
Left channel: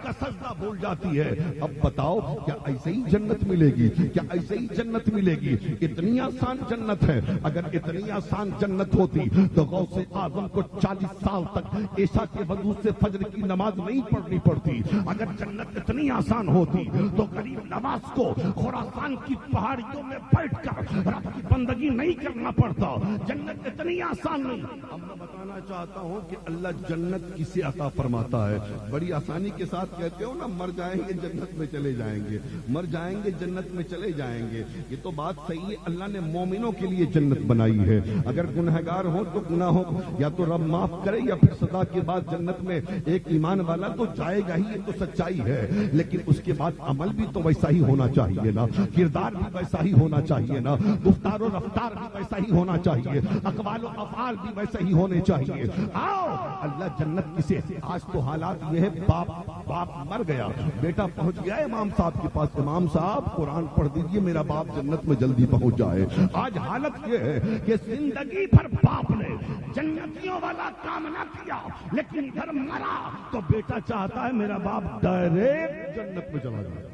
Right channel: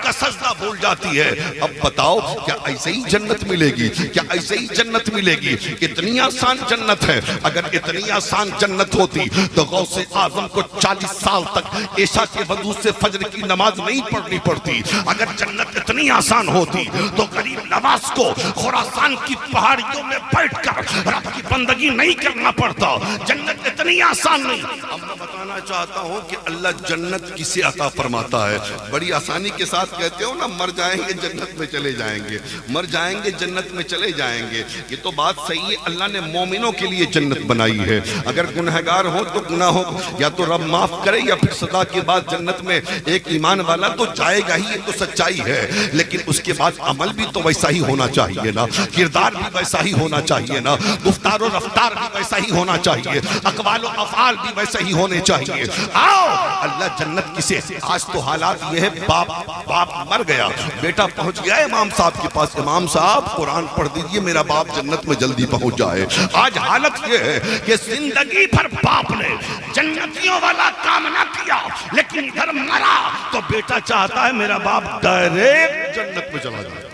का सजदा भूल जाती है। अब बताओ, क्या ऐसे ही जन्नत मिलेगी? क्या ऐसे ही जन्नत मिलेगी? इतनी आसान जन्नत है। अगर इतनी आसान जन्नत होती तो गौसे आजम को 40 साल तक ईशा के वजू से फजर की नमाज नहीं पढ़नी पड़ती। अगर जन्नत इतनी आसान होती तो गरीब नवाज को खुरासान की पहाड़ियों में बैठकर रब की बंदगी नहीं करना पड़ता। जन्नत इतनी आसान नहीं। अब मैं बताना चाहता हूँ कि अल्लाह जन्नत किसे अता फरमाता है। बड़ी आसानी के साथ कहते हो ना, मर जाएंगे जन्नत में चले जाएंगे, मर जाएंगे जन्नत में चले जाएंगे। ये तो बात सही है, अल्लाह ने मोमिनों के लिए जन्नत बनाई है। अगर गुनहगार हो तो गुनाहों या तो रब माफ करे या फिर सदा के बाद जन्नत में एक ईमान वाला तो जाएगा ही, ये तो सच्चाई है। लेकिन उसके बाद अमल भी तो वैसा ही होना चाहिए ना, किरदार भी वैसा ही होना चाहिए ना, गुफ्तार और रफ्तार भी वैसा ही होना चाहिए, अक़वाल और अफ़आल भी वैसे ही होने चाहिए। आओ, अल्लाह जन्नत किसे, आज तो हालात ये है, बाप मर गया, बेटा पहुंच गया इमाम साहब के पास, इमाम साहब कुरान पढ़ दीजिए, मेरा बाप जन्नत में जल्दी पहुंच जाए। आज हालत ये है कि जिंदगी भर बाप ने जन्नतियों वाला काम ना किया, लेकिन इधर मरा तो बेटा चाहता है मेरा बाप डायरेक्ट जन्नत में चला जाए,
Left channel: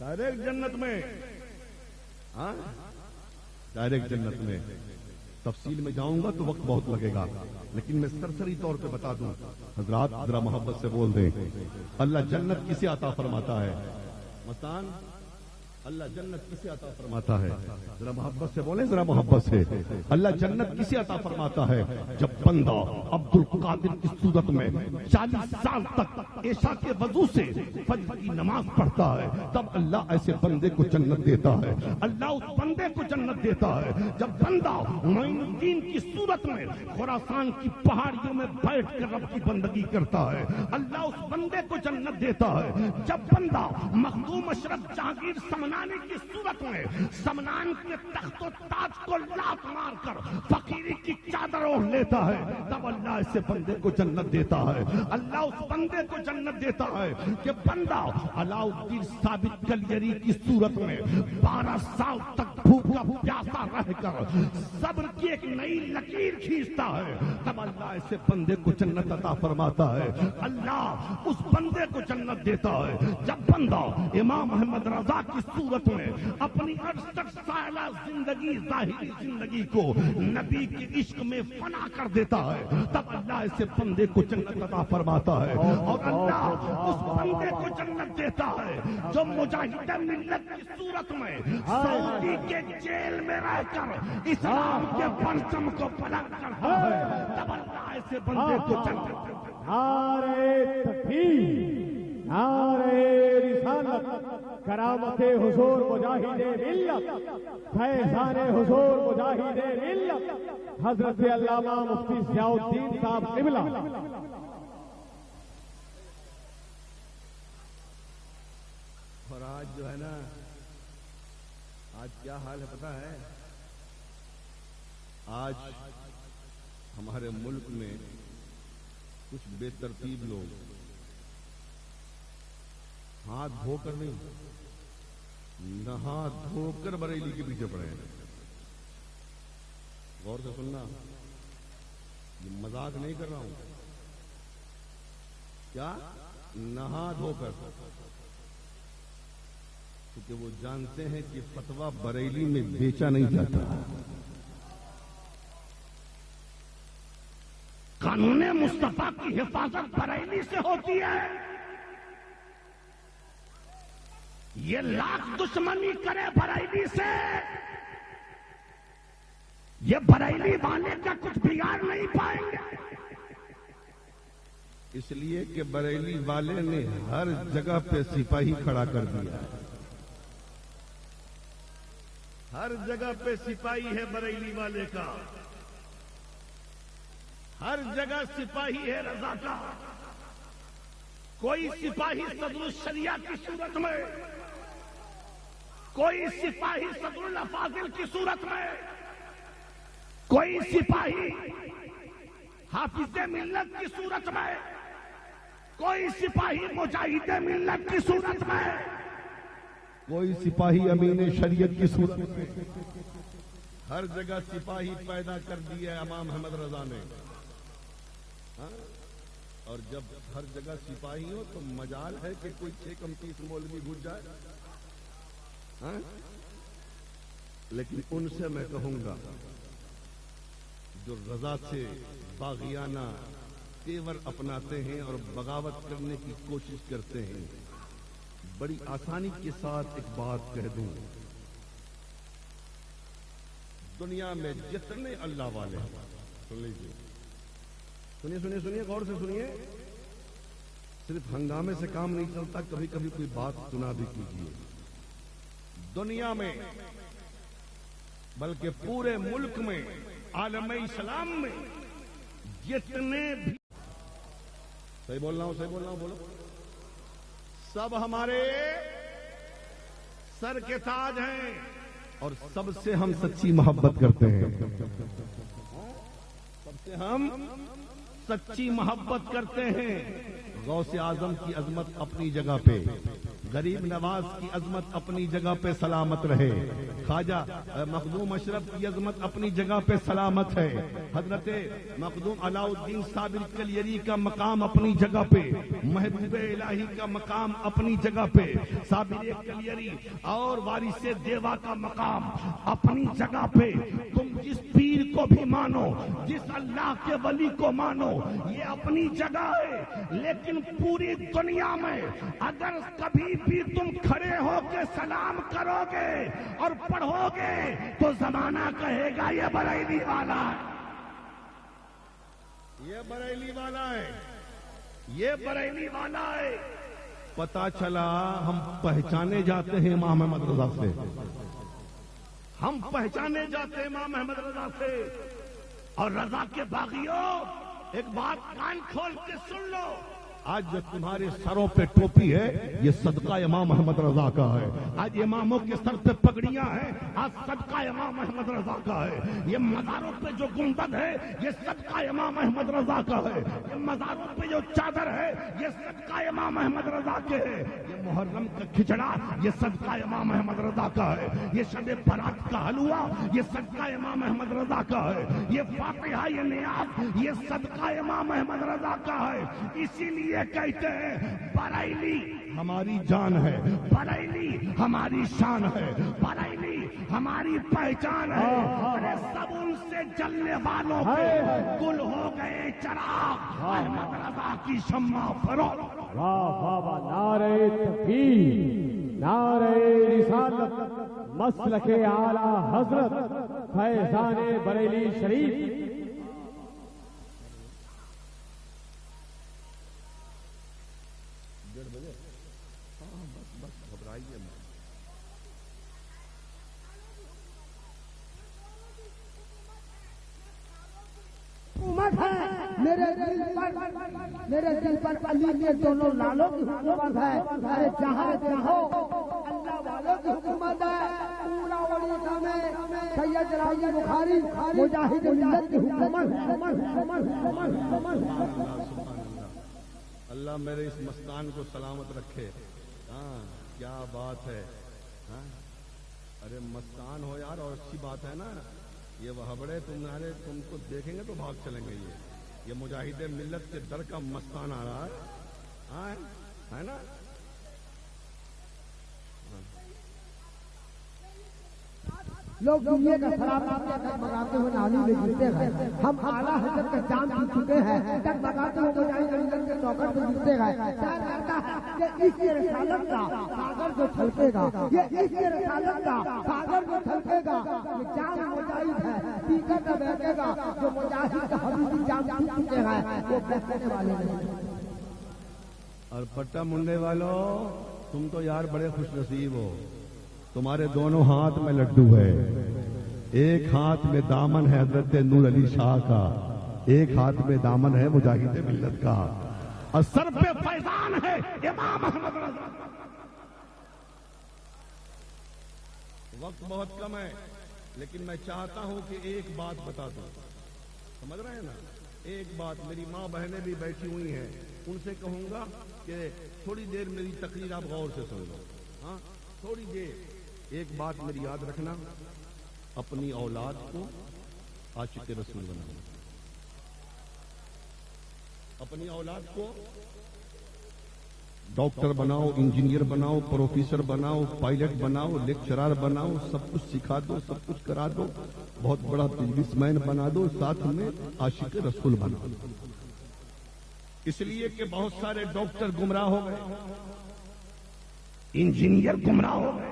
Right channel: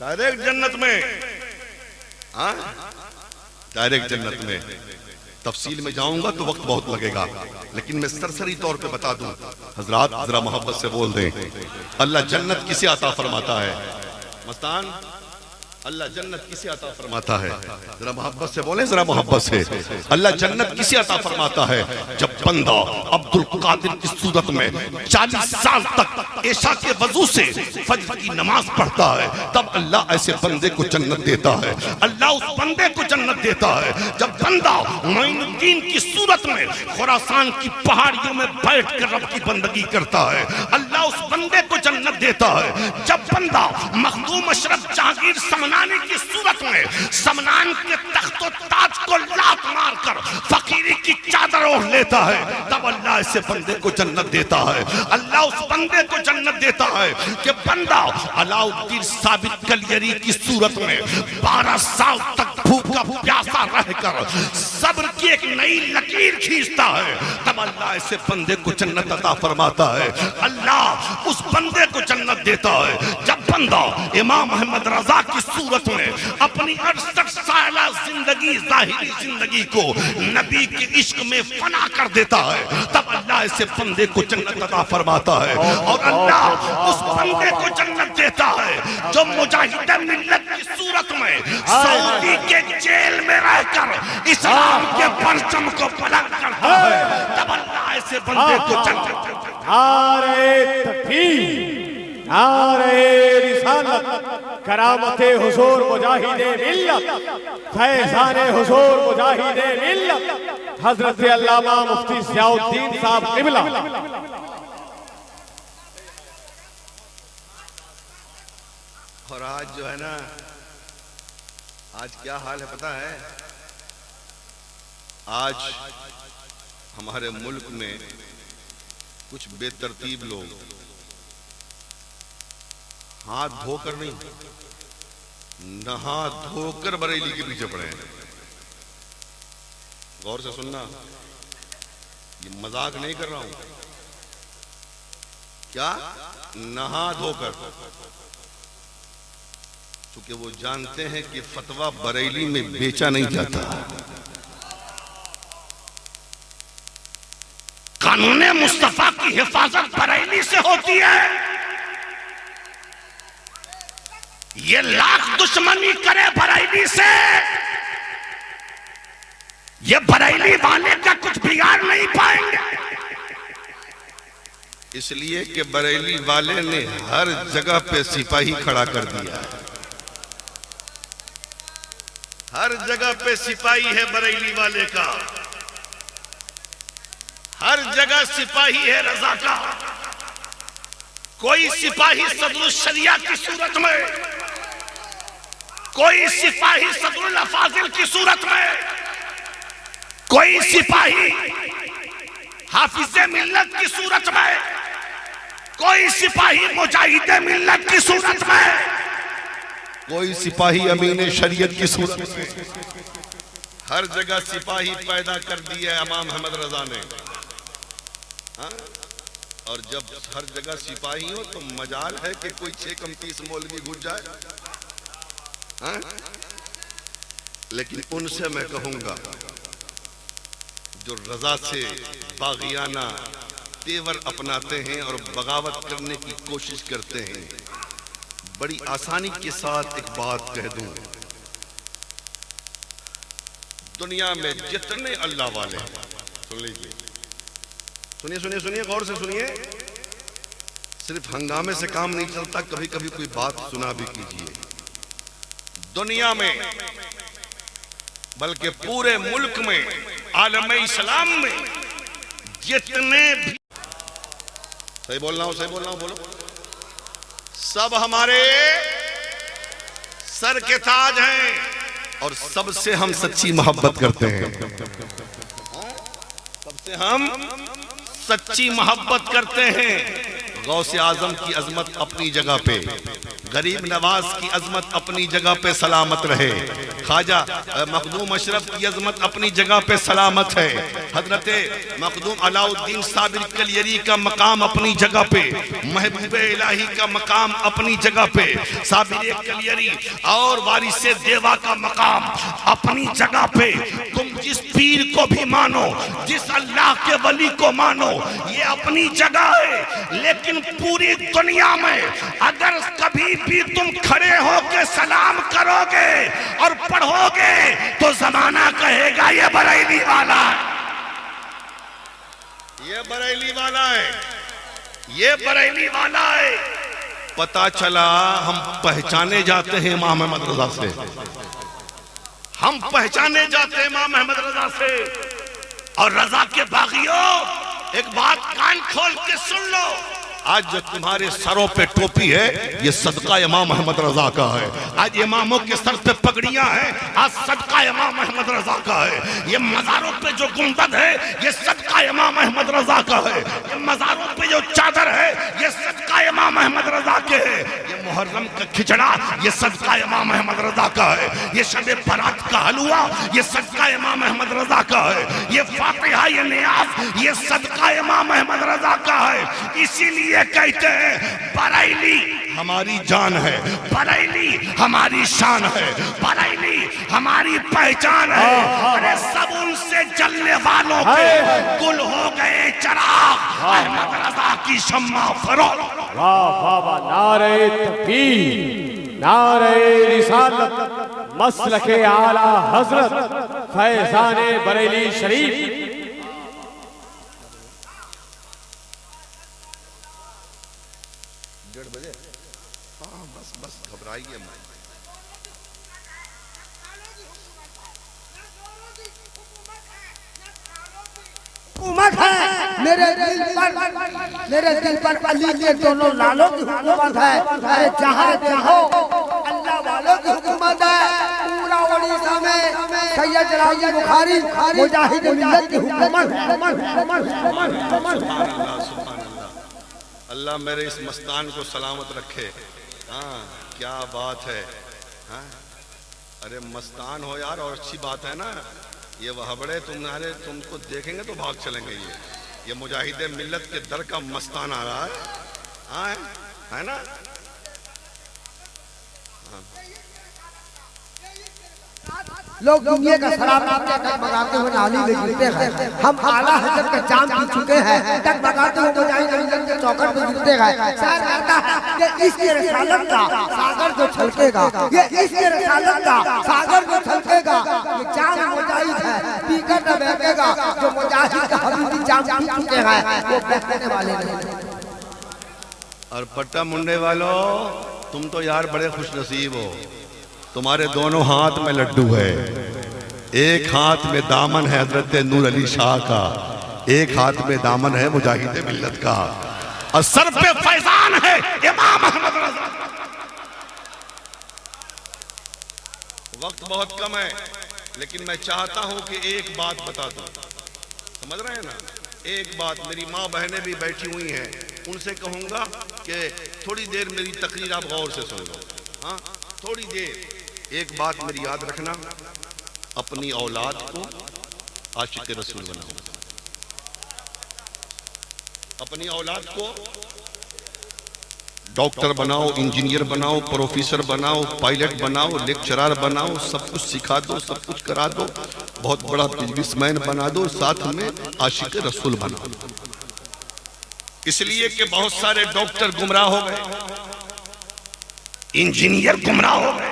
डायरेक्ट जन्नत में, हाँ डायरेक्ट जन्नत में। तफसील में जाऊंगा तो वक्त बहुत लगेगा, लेकिन मैं सरसरी तौर पे बता दूं। हजरात जरा मोहब्बत से बोल दें, अल्लाह जन्नत किसे अता फरमाता है? मस्तान, अल्लाह जन्नत किसे अता फरमाता है? जरा मोहब्बत से बोले, जरा मोहब्बत से। अल्लाह जन्नत किसे अता फरमाता है? जब बंदा अब्दुल कादिर की सूरत में 40 साल तक ऐशा के वजू से फज्र की नमाज पढ़ता है, तब अल्लाह ऐसे बंदे को जन्नत देता है। अल्लाह उस बंदे को जन्नत देता है। जब बंदा मोइनुद्दीन की सूरत में खुरासान की पहाड़ियों में बैठ कर रब की बंदगी करता है, अल्लाह उस बंदे को जन्नत देता है। जब बंदा मखदूम अशरफ जहांगीर समनानी की सूरत में समनान के तख्तो ताज को लात मारकर फकीरी की चादर ओढ़ लेता है, तब अल्लाह ऐसे बंदे को जन्नत देता है। अल्लाह उस बंदे को जन्नत देता है कि बंदा अलाउद्दीन साबित कलियरी की सूरत में 12 साल तक भूखा प्यासा रहकर सब्र की एक नई लकीर खींचता है, तब अल्लाह ऐसे बंदे को जन्नत अता फरमाता है। अल्लाह उस बंदे को जन्नत देता है। जब बंदा इमाम अहमद रजा की सूरत में अपनी 68 साला जिंदगी, जाहिरी जिंदगी को नबी के इश्क में फना कर देता है, तब अल्लाह ऐसे बंदे को जन्नत अता फरमाता है। और अल्लाह उस बंदे को जन्नत देता है जो मुजाहिद मिल्लत की सूरत में सऊदी के जेल में रहकर इस्लाम के परचम को बुलंद करता है, तब अल्लाह ऐसे बंदे को जन्नत देता है। नारे तकबीर, नारे रिसालत, करामते हुजूर मुजाहिदे मिल्लत, फैज़ाने हुजूर मुजाहिदे मिल्लत हजरत अल्लामा मुफ्ती ज़ियाउद्दीन साहब क़िबला। और आज जो है ना, आज क्या हाल है पता है? आज हमारे मुल्क में कुछ बेतरतीब लोग हाथ धोकर नहीं, नहा धोकर बरेली के पीछे पड़े हैं। गौर से सुनना, ये मजाक नहीं कर रहा हूं। क्या? नहा धोकर, क्योंकि वो जानते हैं कि फतवा बरेली में बेचा नहीं जाता। कानून मुस्तफा की हिफाजत बरेली से होती है। ये लाख दुश्मनी करे बरेली से, ये बरेली वाले का कुछ बिगाड़ नहीं पाएंगे। इसलिए कि बरेली वाले ने हर जगह पे सिपाही खड़ा कर दिया। हर जगह पे सिपाही है बरेली वाले का, हर जगह सिपाही है रजा का। कोई सिपाही सदरुल शरिया की सूरत में, कोई सिपाही सदरुल अफाजिल की सूरत में, कोई सिपाही हाफिज़े मिल्लत की सूरत में, कोई सिपाही मुजाहिदे मिल्लत की सूरत में, कोई सिपाही अमीन शरीयत की सूरत में। हर जगह सिपाही पैदा कर दिया इमाम अहमद रजा ने। हाँ? और जब हर जगह सिपाही हो तो मजाल है कि कोई 6 कम 30 मौलवी घुस जाए। हाँ? लेकिन उनसे मैं कहूंगा जो रजा से बागियाना तेवर अपनाते हैं और बगावत करने की कोशिश करते हैं, बड़ी आसानी के साथ एक बात कह दूं, दुनिया में जितने अल्लाह वाले हैं, सुन लीजिए, सुनिए सुनिए सुनिए, गौर से सुनिए, सिर्फ हंगामे से काम नहीं चलता, कभी कभी कोई बात सुना भी कीजिए। दुनिया में बल्कि पूरे मुल्क में, आलम इस्लाम में जितने भी, सही बोल रहा हूं, सही बोल रहा हूं, बोलो, सब हमारे सर के ताज हैं और सबसे हम सच्ची मोहब्बत करते हैं। सबसे हम सच्ची मोहब्बत करते हैं। गौसे आजम की अजमत अपनी जगह पे, गरीब नवाज की अजमत अपनी जगह पे सलामत रहे, ख्वाजा मखदूम अशरफ की अजमत अपनी जगह पे सलामत है, हजरते मखदूम अलाउद्दीन साबिर कलियरी का मकाम अपनी जगह पे, महबूब इलाही का मकाम अपनी जगह पे, साबिर कलियरी और वारिसे देवा का मकाम अपनी जगह पे। तुम जिस पीर को भी मानो, जिस अल्लाह के वली को मानो, ये अपनी जगह है। लेकिन पूरी दुनिया में अगर कभी भी तुम खड़े होके सलाम करोगे और पढ़ोगे तो जमाना कहेगा ये बरेली वाला है, ये बरेली वाला है, ये बरेली वाला है। पता चला हम पहचाने जाते हैं इमाम अहमद रजा से, हम पहचाने जाते हैं इमाम अहमद रजा से। और रजा के बागियों, एक बात कान खोल के सुन लो, आज जो तुम्हारे सरों पे टोपी है ये सदका इमाम अहमद रजा का है। आज इमामों के सर पे पगड़ियां हैं, आज सदका इमाम अहमद रजा का है। ये मज़ारों पे जो गुंबद है ये सदका इमाम अहमद रजा का है। ये मज़ारों पे जो चादर है ये सदका इमाम अहमद रजा के है। ये मुहर्रम का खिचड़ा ये सदका इमाम अहमद रजा का है। ये शब बारात का हलवा ये सदका इमाम अहमद रजा का है। ये फातिहा ये नियाज़ ये सदका इमाम अहमद रजा का है। इसीलिए ये कहते हैं बरेली हमारी जान है, बरेली हमारी शान है, बरेली हमारी पहचान है। अरे सब उनसे जलने वालों के गुल हो गए चिराग, अहमद रजा की शम्मा फरोग। वाह वाह वाह, नारे तकबीर, नारे रिसालत, मसलके आला हजरत फैजाने बरेली शरीफ। घबराइए मत। हुकूमत है मेरे दिल पर अली के दोनों लालों की हुकूमत है। अरे जहाँ देखो अल्लाह वालों की हुकूमत है। पूरा उड़ीसा में सैयद जलाली बुखारी मुजाहिद मिल्लत की हुकूमत। अल्लाह मेरे इस मस्तान को सलामत रखे। हाँ क्या बात है। हाँ अरे मस्तान हो यार, और अच्छी बात है ना। ये वहबड़े तुम्हारे तुमको देखेंगे तो भाग चलेंगे। ये मुजाहिद मिल्लत के दर का मस्तान आ रहा है। हाँ है ना। हाँ। लोग दुनिया का शराब टकमगाते हुए नाली में गिरते हैं। हम आला हजरत का जाम पी चुके हैं, टकमगाते हुए मुजाहिद मिल्लत के चौखट पे गिरते हैं। शायर कहता है कि इसके रसालत का सागर जो छलकेगा, ये इसके रसालत का सागर जो छलकेगा, ये जाम मुजाहिद है पीकर न बहकेगा। जो मुजाहिद का हबीबी जाम पी चुके हैं वो बहकने वाले नहीं। और पट्टा मुंडे वालों, तुम तो यार बड़े खुश नसीब हो। तुम्हारे दोनों हाथ में लड्डू है। एक हाथ में दामन है हजरत नूर अली शाह का, एक हाथ में दामन है मुजाहिद मिल्लत का, और सर पे फैजान है इमाम अहमद रजा। वक्त बहुत कम है, लेकिन मैं चाहता हूं कि एक बात बता दूं। समझ रहे हैं ना। एक बात, मेरी माँ बहनें भी बैठी हुई हैं, उनसे कहूंगा कि थोड़ी देर मेरी तकरीर आप गौर से सुन लो। हाँ थोड़ी देर। एक बात मेरी याद रखना, अपनी औलाद को आशिक रसूल बनाओ। अपनी औलाद को डॉक्टर बनाओ, इंजीनियर बनाओ, प्रोफेसर बनाओ, पायलट बनाओ, लेक्चरर बनाओ, सब कुछ सिखा दो, सब कुछ करा दो, बहुत बड़ा बिजनेसमैन बना दो, साथ में आशिक रसूल बनाओ। इसलिए कि बहुत सारे डॉक्टर गुमराह हो गए, इंजीनियर गुमराह हो गए,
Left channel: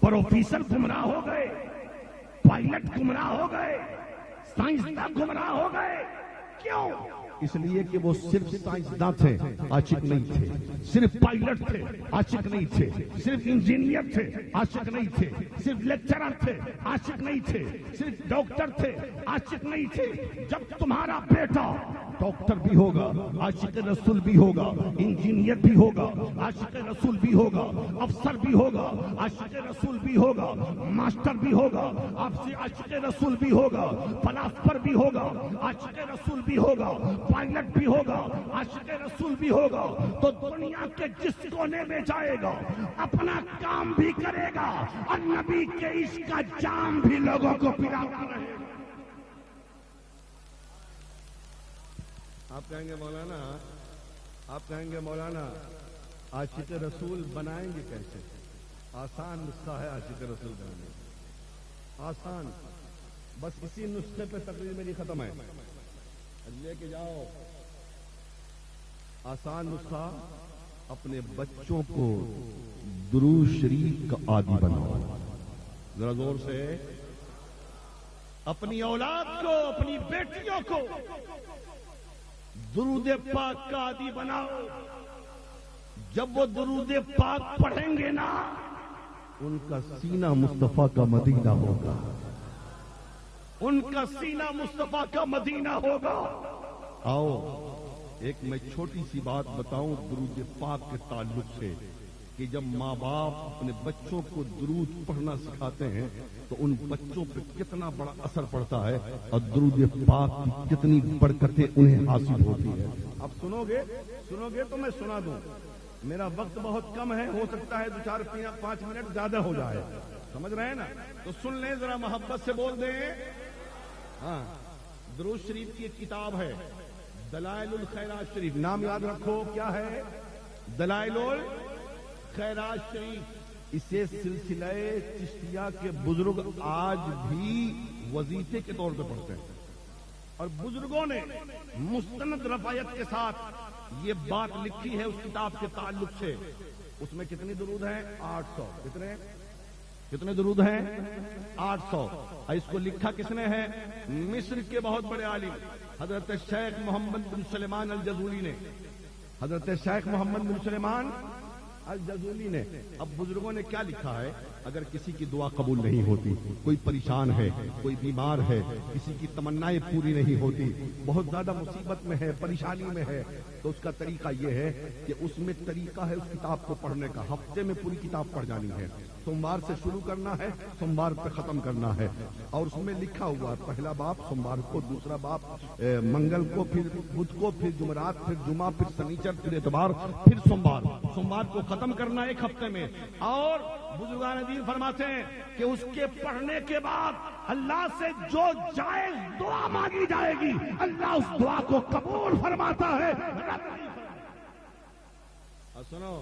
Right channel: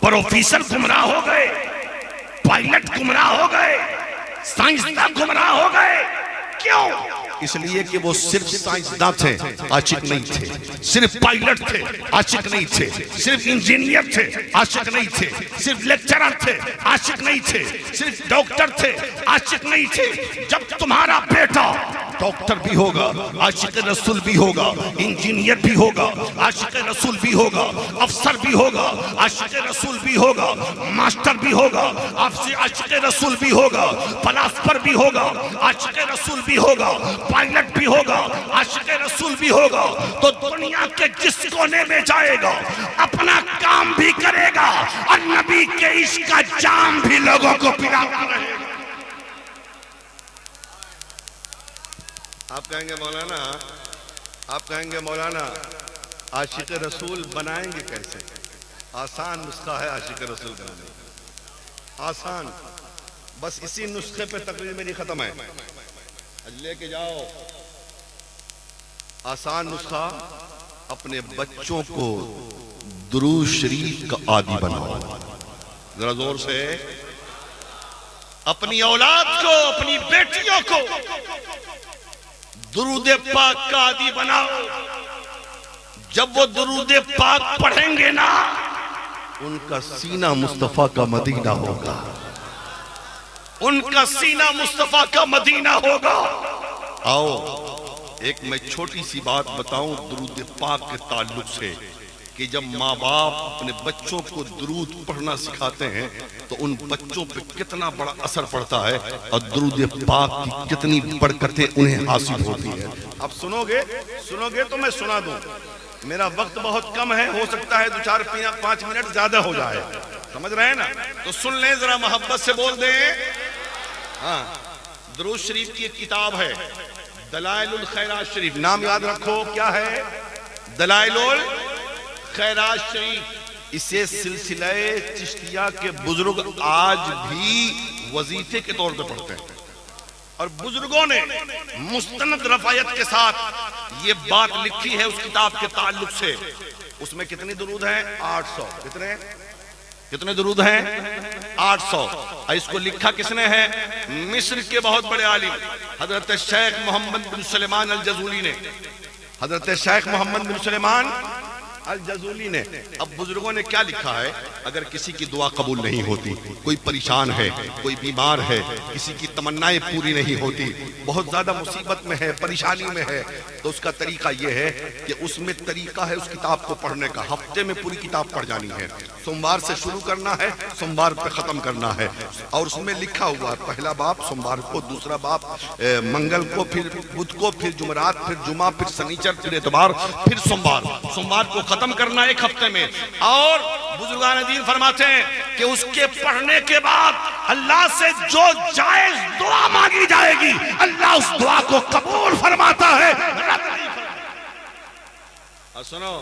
प्रोफेसर गुमराह हो गए, पायलट गुमराह हो गए, साइंसदान गुमराह हो गए। क्यों? इसलिए कि वो सिर्फ साइंसदान थे, आशिक नहीं थे। सिर्फ पायलट थे, आशिक नहीं थे। सिर्फ इंजीनियर थे, आशिक नहीं थे। सिर्फ लेक्चरर थे, आशिक नहीं थे। सिर्फ डॉक्टर थे, आशिक नहीं थे। जब तुम्हारा बेटा डॉक्टर भी होगा, आशिक रसूल भी होगा, इंजीनियर भी होगा, आशिक रसूल भी होगा, अफसर भी होगा, आशिक रसूल भी होगा, मास्टर भी होगा, आपसे आशिक रसूल भी होगा, फलासफर भी होगा, आशिक रसूल भी होगा, पायलट भी होगा, आशिक रसूल भी होगा, तो दुनिया के जिस कोने में जाएगा अपना काम भी करेगा और नबी के इश्क का जाम भी लोगों को पिलाता रहेगा। आप कहेंगे मौलाना आशिक रसूल बनाएंगे कैसे? आसान नुस्खा है आशिक रसूल बनाने, आसान। बस इसी नुस्खे पे तकरीर मेरी खत्म है। लेके जाओ आसान नुस्खा, अपने बच्चों को दुरूद शरीफ का आदी बनाओ। जरा जोर से। अपनी औलाद को, अपनी बेटियों को दुरूद पाक का आदी बनाओ। जब वो दुरूद पाक पढ़ेंगे ना, उनका सीना मुस्तफा का मदीना होगा, उनका सीना मुस्तफा का मदीना होगा। आओ एक मैं छोटी सी बात बताऊं दुरूद पाक के ताल्लुक से, कि जब माँ बाप अपने बच्चों को दुरूद पढ़ना सिखाते हैं तो उन बच्चों पे कितना बड़ा असर पड़ता है और दुरूद पाक की कितनी बरकतें उन्हें हासिल होती है। अब सुनोगे तो मैं सुना दूं। मेरा वक्त बहुत कम है, हो सकता है 2-4-5 मिनट ज्यादा हो जाए, समझ रहे हैं ना? तो सुन लें, जरा मोहब्बत से बोल दें। हाँ, दुरूद शरीफ की एक किताब है दलाइलुल खैरात शरीफ, नाम याद रखो क्या है? दलाइलुल खैरात शरीफ। इसे सिलसिले चिश्तिया के बुजुर्ग आज भी वजीफे के तौर पे पढ़ते हैं और बुजुर्गों ने मुस्तनद रफायत के साथ ये बात लिखी है उस किताब के ताल्लुक से। उसमें कितनी दुरूद हैं? 800। कितने दुरूद हैं? 800। और इसको लिखा किसने है? मिस्र के बहुत बड़े आलिम हजरत शेख मोहम्मद बिन सुलेमान अल जजूली ने। हजरत शेख मोहम्मद बिन सुलेमान अल जजूली ने। अब बुजुर्गों ने क्या लिखा है? अगर किसी की दुआ कबूल नहीं होती, कोई परेशान है, कोई बीमार है, किसी की तमन्नाएं पूरी नहीं होती, बहुत ज्यादा मुसीबत में है, परेशानी में है, तो उसका तरीका यह है कि उसमें तरीका है उस किताब को पढ़ने का। हफ्ते में पूरी किताब पढ़ जानी है, सोमवार से शुरू करना है, सोमवार पे खत्म करना है। और उसमें लिखा हुआ पहला बाप सोमवार को, दूसरा बाप मंगल को, फिर बुध को, फिर जुमरात, फिर जुमा, फिर शनिचर, फिर इतवार, फिर सोमवार को खत्म करना एक हफ्ते में। और बुजुर्गान दीन फरमाते हैं कि उसके पढ़ने के बाद अल्लाह से जो जायज दुआ मांगी जाएगी अल्लाह उस दुआ को कबूल फरमाता है। सुनो,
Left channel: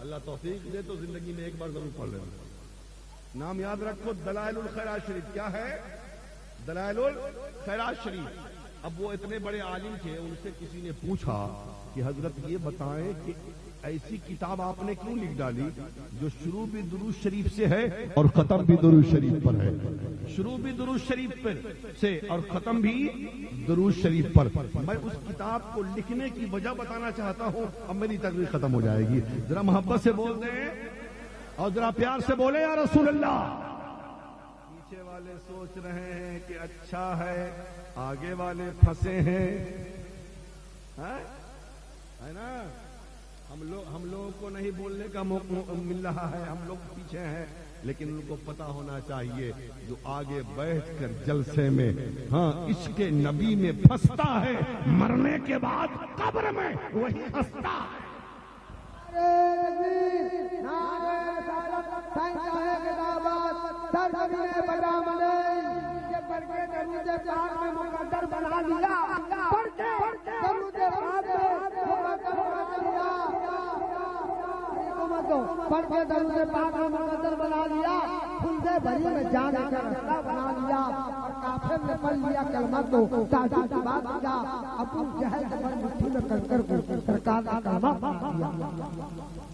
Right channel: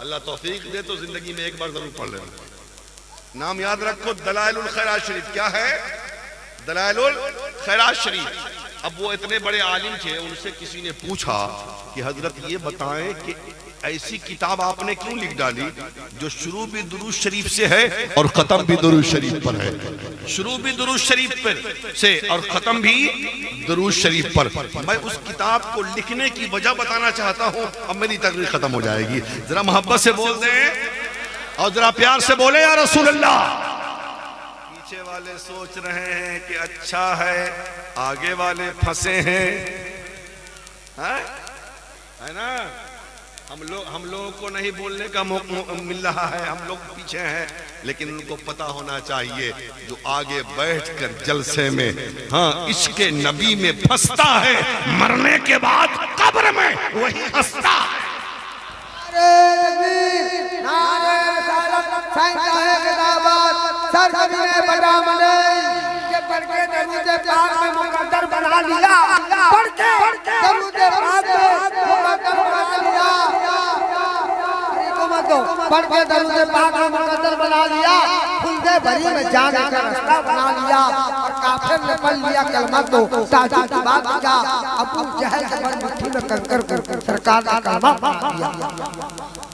अल्लाह तौफीक दे तो जिंदगी में एक बार जरूर पढ़ लेना। नाम याद रखो दलाइलुल खैरात शरीफ। क्या है? दलाइलुल खैरात शरीफ। अब वो इतने बड़े आलिम थे, उनसे किसी ने पूछा कि हजरत ये बताएं कि ऐसी किताब आपने क्यों लिख डाली जो शुरू भी दुरूद शरीफ से है और खत्म भी दुरूद शरीफ पर है? शुरू भी दुरूद शरीफ पर से और खत्म भी दुरूद शरीफ पर। मैं उस किताब को लिखने की वजह बताना चाहता हूं। अब मेरी तकरीर खत्म हो जाएगी। जरा मोहब्बत से बोल दें और जरा प्यार से बोले या रसूल अल्लाह। पीछे वाले सोच रहे हैं कि अच्छा है, आगे वाले फंसे हैं, है ना? हम लोगों को नहीं बोलने का मौका मिल रहा है, हम लोग पीछे हैं, लेकिन उनको पता होना चाहिए जो आगे बैठकर जलसे में हाँ इश्क़े नबी में फंसता है, मरने के बाद कब्र में वही हंसता है। मुकद्दर बना लिया, पढ़ के दरूद पाक में मुकद्दर बना लिया, खुलदे भरी में जाने का रास्ता बना लिया। काफिर ने पढ़ लिया कलमा तो ताजू की बात किया, अबू जहल के बड़ मुट्ठी में कंकर कर सरकार का कलमा पढ़ दिया।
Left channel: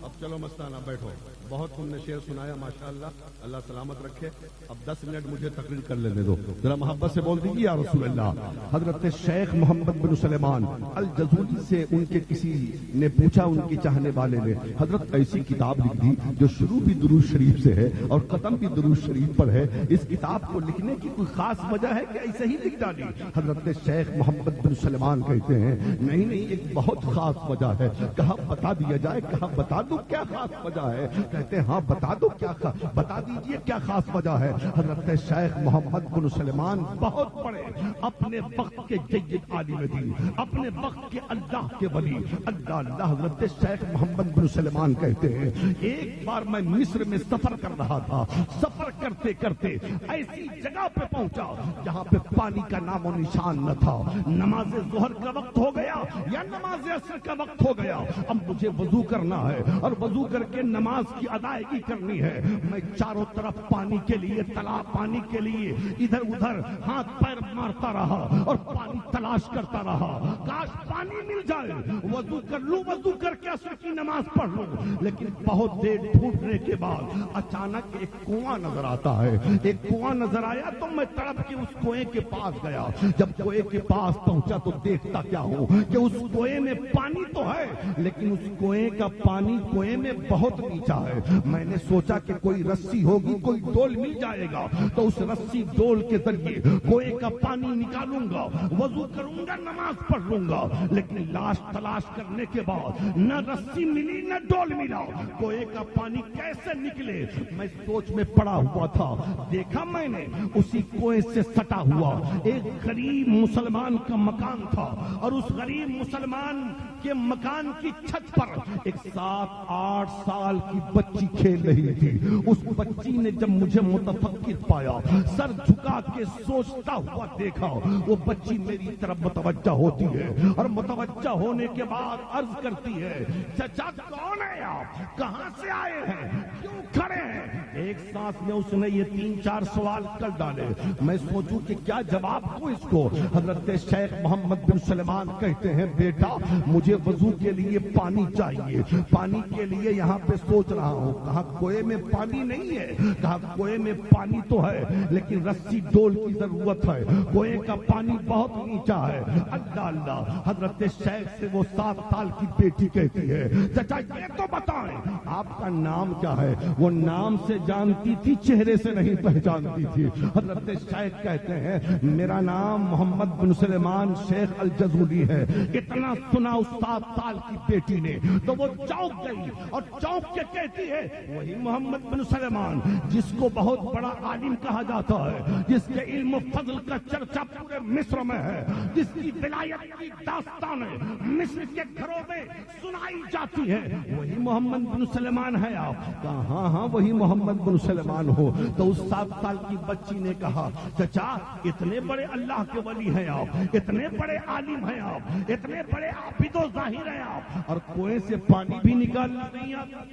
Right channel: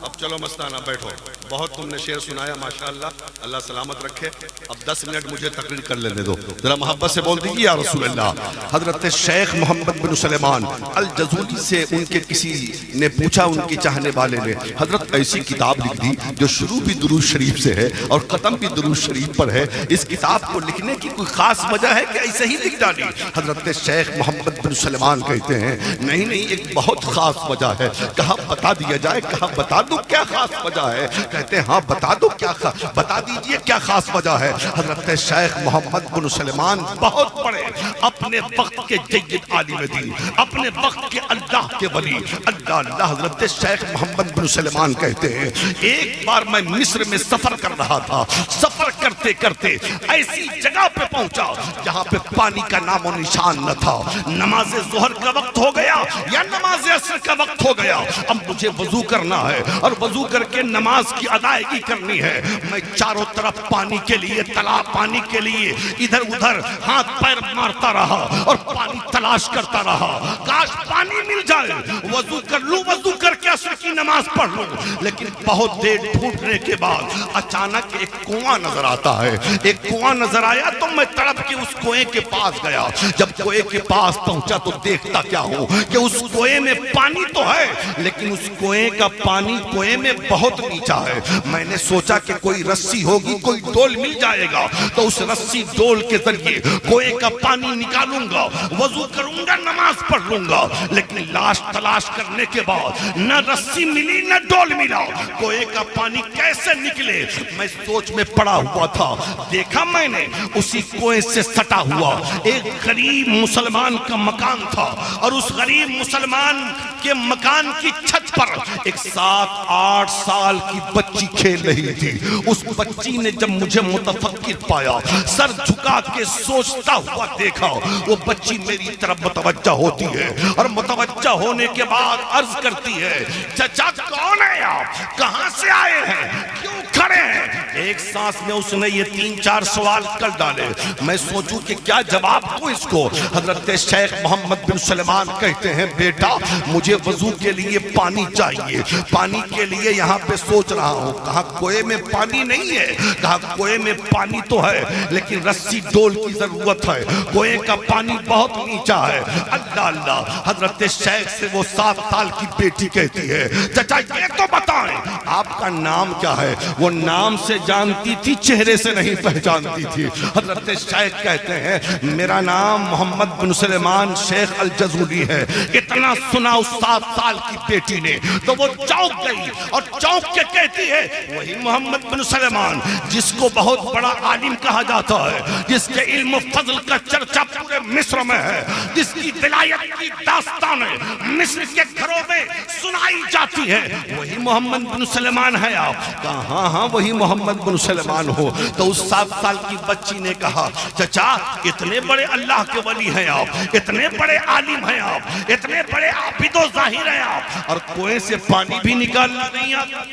अब चलो मस्ताना बैठो, बहुत तुमने शेर सुनाया माशाअल्लाह, अल्लाह सलामत रखे। अब 10 मिनट मुझे तकरीर कर लेने दो, जरा मोहब्बत से बोल दीजिए या रसूल अल्लाह। हजरत शेख मोहम्मद बिन सुलेमान अल जज़ूली से उनके किसी ने पूछा, उनकी चाहने वाले ने, हजरत ऐसी किताब लिख दी जो शुरू भी दुरूद शरीफ से है और ख़त्म भी दुरूद शरीफ पर है, इस किताब को लिखने की कोई खास वजह है कि ऐसे ही लिख डाली? हजरत शेख मोहम्मद बिन सुलेमान कहते हैं नहीं नहीं, एक बहुत खास वजह है। कहा बता दिया जाए, कहा बता दो क्या खास वजह है? कहते हैं हाँ बता दो क्या बता दीजिए क्या खास वजह है। हजरत शेख मोहम्मद बिन सुलेमान बहुत बड़े अपने वक्त के जय्यद आलिम दीन, अपने वक्त के अल्लाह के वली, अल्लाह अल्लाह। हजरत शेख मोहम्मद बिन सुलेमान कहते हैं एक बार मैं मिस्र में सफर कर रहा था, सफर करते करते ऐसी जगह पे पहुंचा जहां पे पानी का नामो निशान न था। नमाज जोहर का वक्त हो गया या नमाज असर का वक्त हो गया, अब मुझे वजू करना है और वजू करके नमाज की अदायगी करनी है। मैं चारों तरफ पानी के लिए, तालाब पानी के लिए इधर उधर हाथ पैर मारता रहा और पानी तलाश करता रहा, काश पानी मिल जाए, वजू कर लूं, वजू करके असर की नमाज पढ़ लूं। लेकिन बहुत देर ढूंढने के बाद अचानक एक कुआं नजर आता है। एक कुआं नजर आया तो मैं तड़प के उस कुएं के पास गया। जब कुएं के पास पहुंचा तो देखता क्या हूं कि उस कुएं में पानी तो है, लेकिन उस कुएं का पानी कुएं में बहुत नीचा है। मैंने सोचा कि कोई रस्सी होगी, कोई डोल मिल जाएगा, तो उस रस्सी डोल के जरिए कुएं का पानी निकालूंगा, वजू करूंगा, नमाज पढ़ लूंगा। लेकिन लाश तलाश करने के बाद न रस्सी मिली न डोल मिला, कुएं का पानी कैसे निकले? मैं सोच में पड़ा हुआ था, देखा मैंने उसी कुएं से सटा हुआ एक गरीब मुसलमान का मकान था और उस गरीब मुसलमान के मकान की छत पर एक 7-8 साल की बच्ची खेल रही थी। उस बच्ची ने जब मुझे मुतफक्किर पाया, सर झुका के सोचता हुआ देखा, वो बच्ची मेरी तरफ मुतवज्जा होती है और मुतवज्जा होने के बाद अर्ज करती है, चाचा कौन है आप, कहां से आए हैं, क्यों खड़े हैं? एक सांस में उसने ये 3-4 सवाल कर डाले। मैं सोचूं कि क्या जवाब दूं इसको। हजरत शेख मोहम्मद बिन सुलेमान कहते हैं बेटा मुझे वजू के लिए पानी चाहिए, पानी के लिए यहाँ पे सोच रहा हूँ। कहा कुएं में पानी नहीं है? कहा कुएं में पानी तो है लेकिन रस्सी डोल की जरूरत है, कुएं का पानी बहुत नीचा है। अल्लाह अल्लाह। हजरत शेख से वो 7 साल की बेटी कहती है चाचा ये तो बताएं आपका नाम क्या है? वो नाम से जानती थी, चेहरे से नहीं पहचानती थी। हजरत शेख कहते हैं मेरा नाम मोहम्मद बिन सुलेमान शेख अल जज़ूली है। इतना सुना उस 7 साल की बेटी ने तो वो चौंक गई और चौंक के कहती है वही मोहम्मद बिन सुलेमान जिसको बहुत बड़ा आलिम कहा जाता है, जिसके इल्म फजल का चर्चा पूरे मिस्र में है, जिसकी विलायत की दास्तानें मिस्र के घरों में सुनाई जाती है, वही मोहम्मद बिन सुलेमान है आप? कहा हाँ हाँ वही मोहम्मद बिन सुलेमान हो। तो उस 7 साल की बच्ची ने कहा चाचा इतने बड़े अल्लाह के वली हैं आप, इतने बड़े आलिम हैं आप, इतने बड़े आबिदो जाहिर हैं आप, और कुएं से पानी भी निकालना नहीं आता?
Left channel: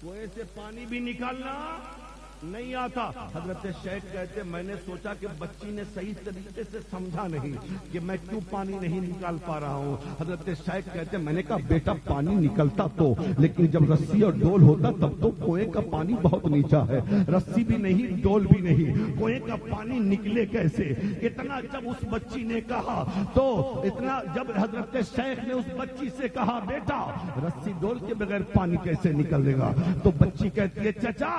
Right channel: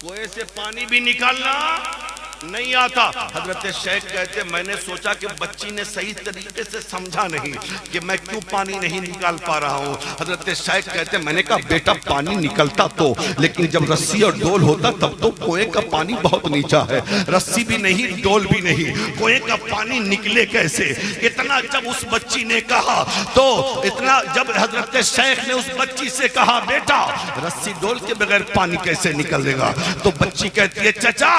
कुएं से पानी भी निकालना नहीं आता। हजरत शेख कहते मैंने सोचा कि बच्ची ने सही तरीके से समझा नहीं कि मैं क्यों पानी नहीं निकाल पा रहा हूँ। हजरत शेख कहते मैंने कहा बेटा पानी निकलता तो, लेकिन जब रस्सी और डोल होता तब तो कुएं का पानी बहुत नीचा है, रस्सी भी नहीं डोल भी नहीं, कुएं का पानी निकले कैसे? इतना जब उस बच्ची ने कहा तो इतना जब हजरत शेख ने उस बच्ची से कहा बेटा रस्सी डोल के बगैर पानी कैसे निकलेगा, तो बच्ची कहती है चाचा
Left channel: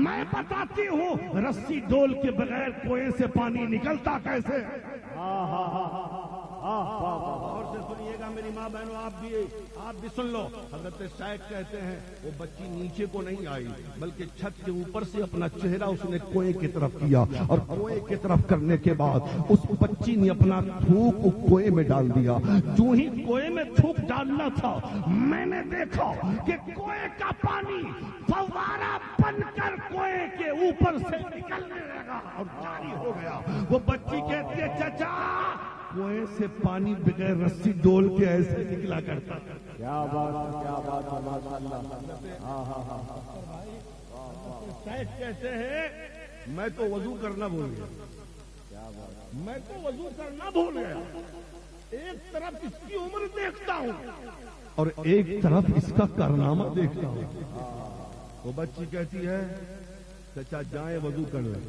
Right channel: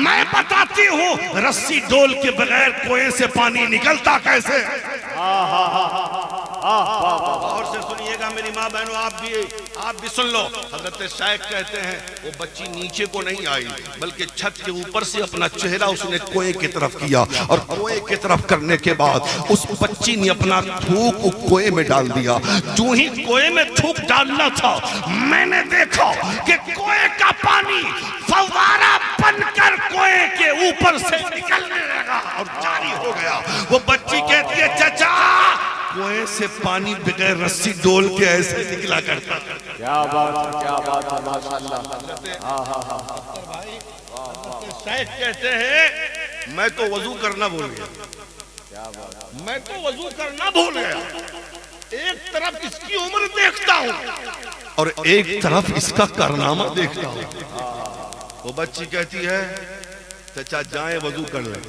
मैं बताती हूँ रस्सी डोल के बगैर कुएं से पानी निकलता कैसे। और से सुनिएगा मेरी माँ बहनों, आप भी सुन लो। हजरत शेख कहते हैं वो बच्ची नीचे को नहीं आई बल्कि छत के ऊपर से अपना चेहरा उसने कुएं की तरफ किया और कुएं की तरफ करने के बाद उस बच्ची ने अपना थूक कुएं में डाल दिया। जो ही कुएं में थूक डालना था मैंने देखा कि कुएं का पानी फव्वारा बनकर कुएं के ऊपर से निकलने लगा और जारी हो गया। वो बच्ची कहती है चाचा कुएं से पानी बगैर रस्सी डोल के ऐसे निकला करता। क्या बात है माशाअल्लाह। शेख कहते हैं मैं तो वजू करना भूल गया, मैं तो वजू करना भूल गया। एक तरफ इसकी उम्र देखता हूँ और एक तरफ इसका कारनामा देखता हूँ। वो बच्ची कहती है चचा जाएं वजू कर ले।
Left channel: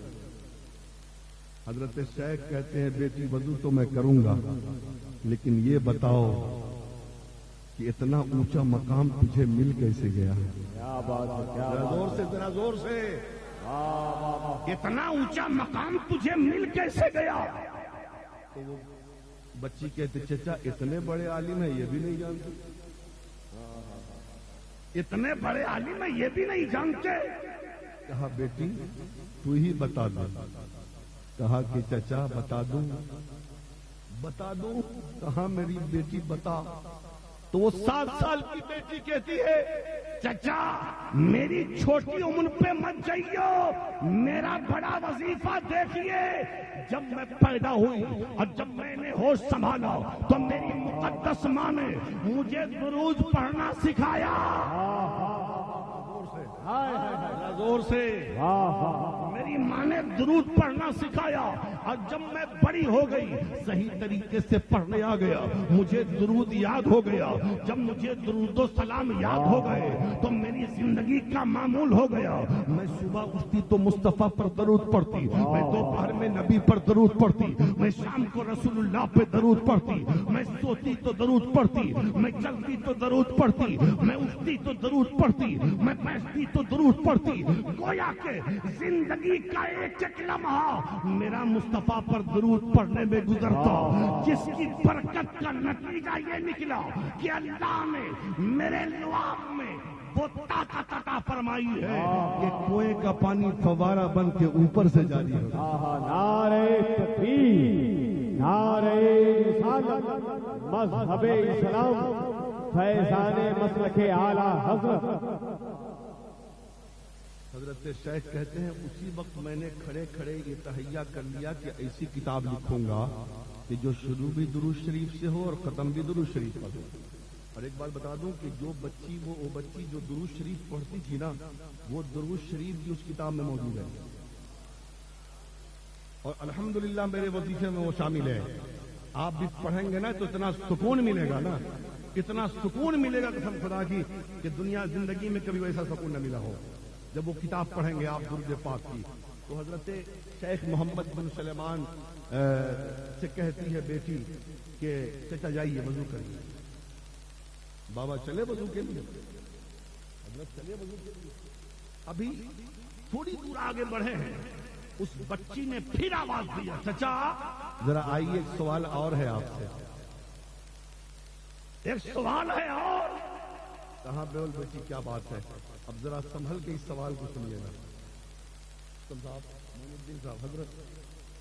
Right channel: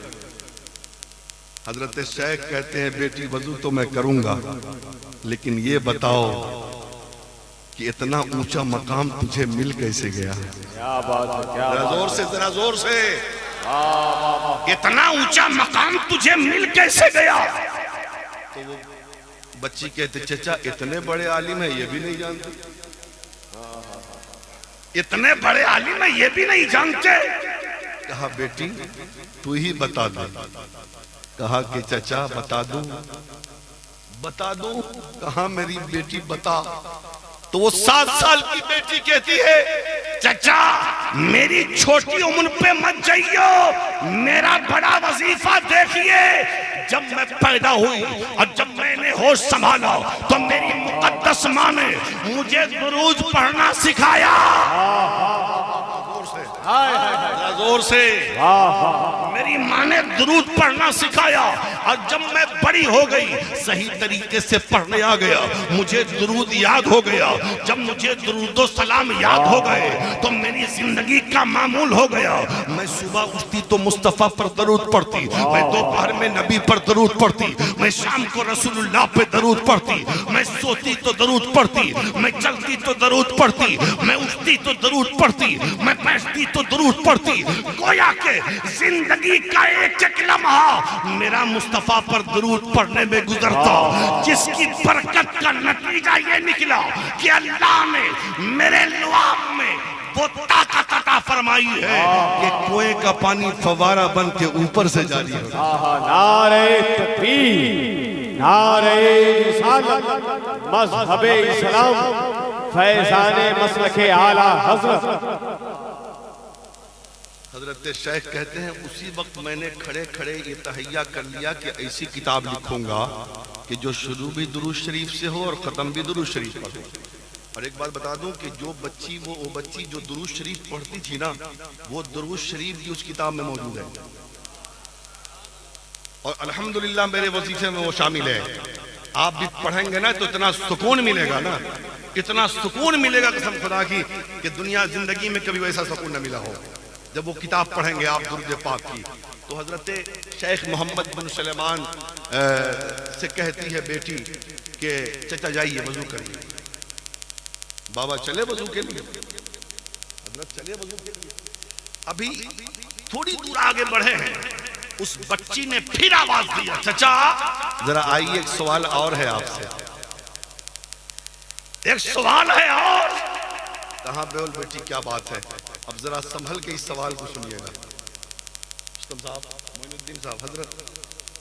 हजरत शेख कहते हैं बेटी वजू तो मैं करूंगा, लेकिन ये बताओ कि इतना ऊंचा मकाम तुझे मिल कैसे गया? क्या बात है, क्या जरा जोर से, जरा जोर से। इतना ऊंचा मकाम तुझे मिल कैसे गया? तो वो बच्ची कहते चचा इतने बड़े आलिम है ये भी नहीं जानते, इतने बड़े आलिम है ये भी नहीं जानते। कहा बेटी तू ही बता दे। कहा कि चचा बता दूं, बता दूं। कहा मेरी बेटी बता। तो वो 7 साल की बेटी कहती है चचा मेरी छोटी उम्र पे मत जाइयो, मेरा बड़ा वजीफा देखिए। जब मैं पैदा हुई और जब मैंने होश संभाला तो मेरी मुकद्दस माँ ने मुझे दुरूद पढ़ना सिखाया। जोर से मेरी माँ ने दुरूद पढ़ना सिखाया और जब मैं बड़ी हो गई सही तरीके से पढ़ने आ गया, मुझे दुरूद याद हो गया। जब मुझे दुरूद सलाम याद हो गए तो मेरी जिंदगी का मामूल हो गया। मैं सुबह उठती तो मुस्तफा पर दरूद पढ़ती, मैं दोपहर में नबी पर दरूद पढ़ती, मैं शाम को रसूलुल्लाह पे दरूद पढ़ती, मैं सोती तो दरूद पढ़ती, मैं चलती तो दरूद पढ़ती, मैं उठती तो दरूद पढ़ती, मैं बैठती तो दरूद पढ़ती। गोया के जिंदगी का एक एक लम्हा मेरा मुस्तफा पर दरूद पढ़ने में गुजरता, जिसकी बरकत का नतीजा ये निकला कि अल्लाह ने मेरे लुआब में वो ताकत अता फरमाई है कि कुएं का पानी फवारा बन के ऊपर से जारी हो। नारे तकबीर, नारे रिसालत, मज़हबे इस्लाम, फैज़ाने मसलके आला हज़रत। हजरत शेख कहते हैं उसी वक्त मैंने खड़े खड़े ये तहैया कर लिया कि ऐसी किताब लिखूंगा कि जो शुरू भी दुरूद शरीफ से हो और ख़त्म भी दुरूद शरीफ पर हो। और एक बात बता दूं कि जो बच्ची वो बच्ची जो दुरूद शरीफ पढ़ती थी ना, वो दुरूद शरीफ भी उस किताब में मौजूद है और अल्हम्दुलिल्लाह मेरे वजीफे में वो शामिल है। आप भी पढ़ेंगे ना तो इतना सुकून मिलेगा ना, इतना सुकून मिलेगा कसम खुदा की कि दुनिया जिंदगी में कभी वैसा सुकून न मिला हो जब वो किताब पढ़ेंगे आप दुरूद पाक की। तो हजरत शेख मोहम्मद बिन सलेमान से कहती है बेटी कि चचा जाइए वजू करिए। बाबा चले वजू के लिए, हजरत चले वजू के लिए। अभी थोड़ी दूर आगे बढ़े हैं, उस बच्ची ने फिर आवाज दिया चचा जरा आइए, एक सवाल और है आपसे। एक सवाल है और। कहाँ बोल बेटी क्या बात है? अब जरा संभल के इस सवाल को सुनिएगा। मुस्तफा साहब, मोइनुद्दीन साहब, हजरत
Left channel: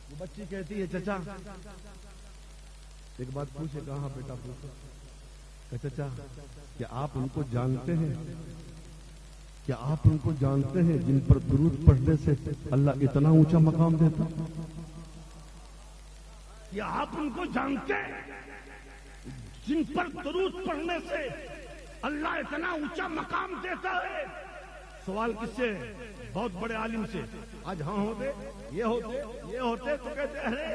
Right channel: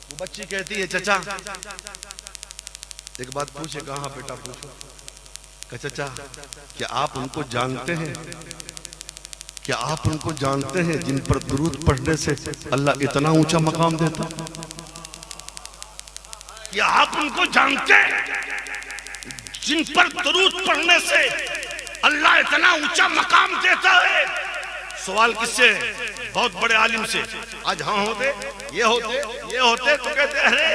वो बच्ची कहती है चचा एक बात पूछे। कहाँ बेटा पूछो। चचा क्या आप उनको जानते हैं? क्या आप उनको जानते हैं जिन पर दुरूद पढ़ने से अल्लाह इतना ऊंचा मकाम देता? क्या आप उनको जानते हैं जिन पर दुरूद पढ़ने से अल्लाह इतना ऊंचा मकाम देता है? सवाल किससे? बहुत बड़े आलिम से। आज हाँ होते, ये होते, ये होते तो कहते अरे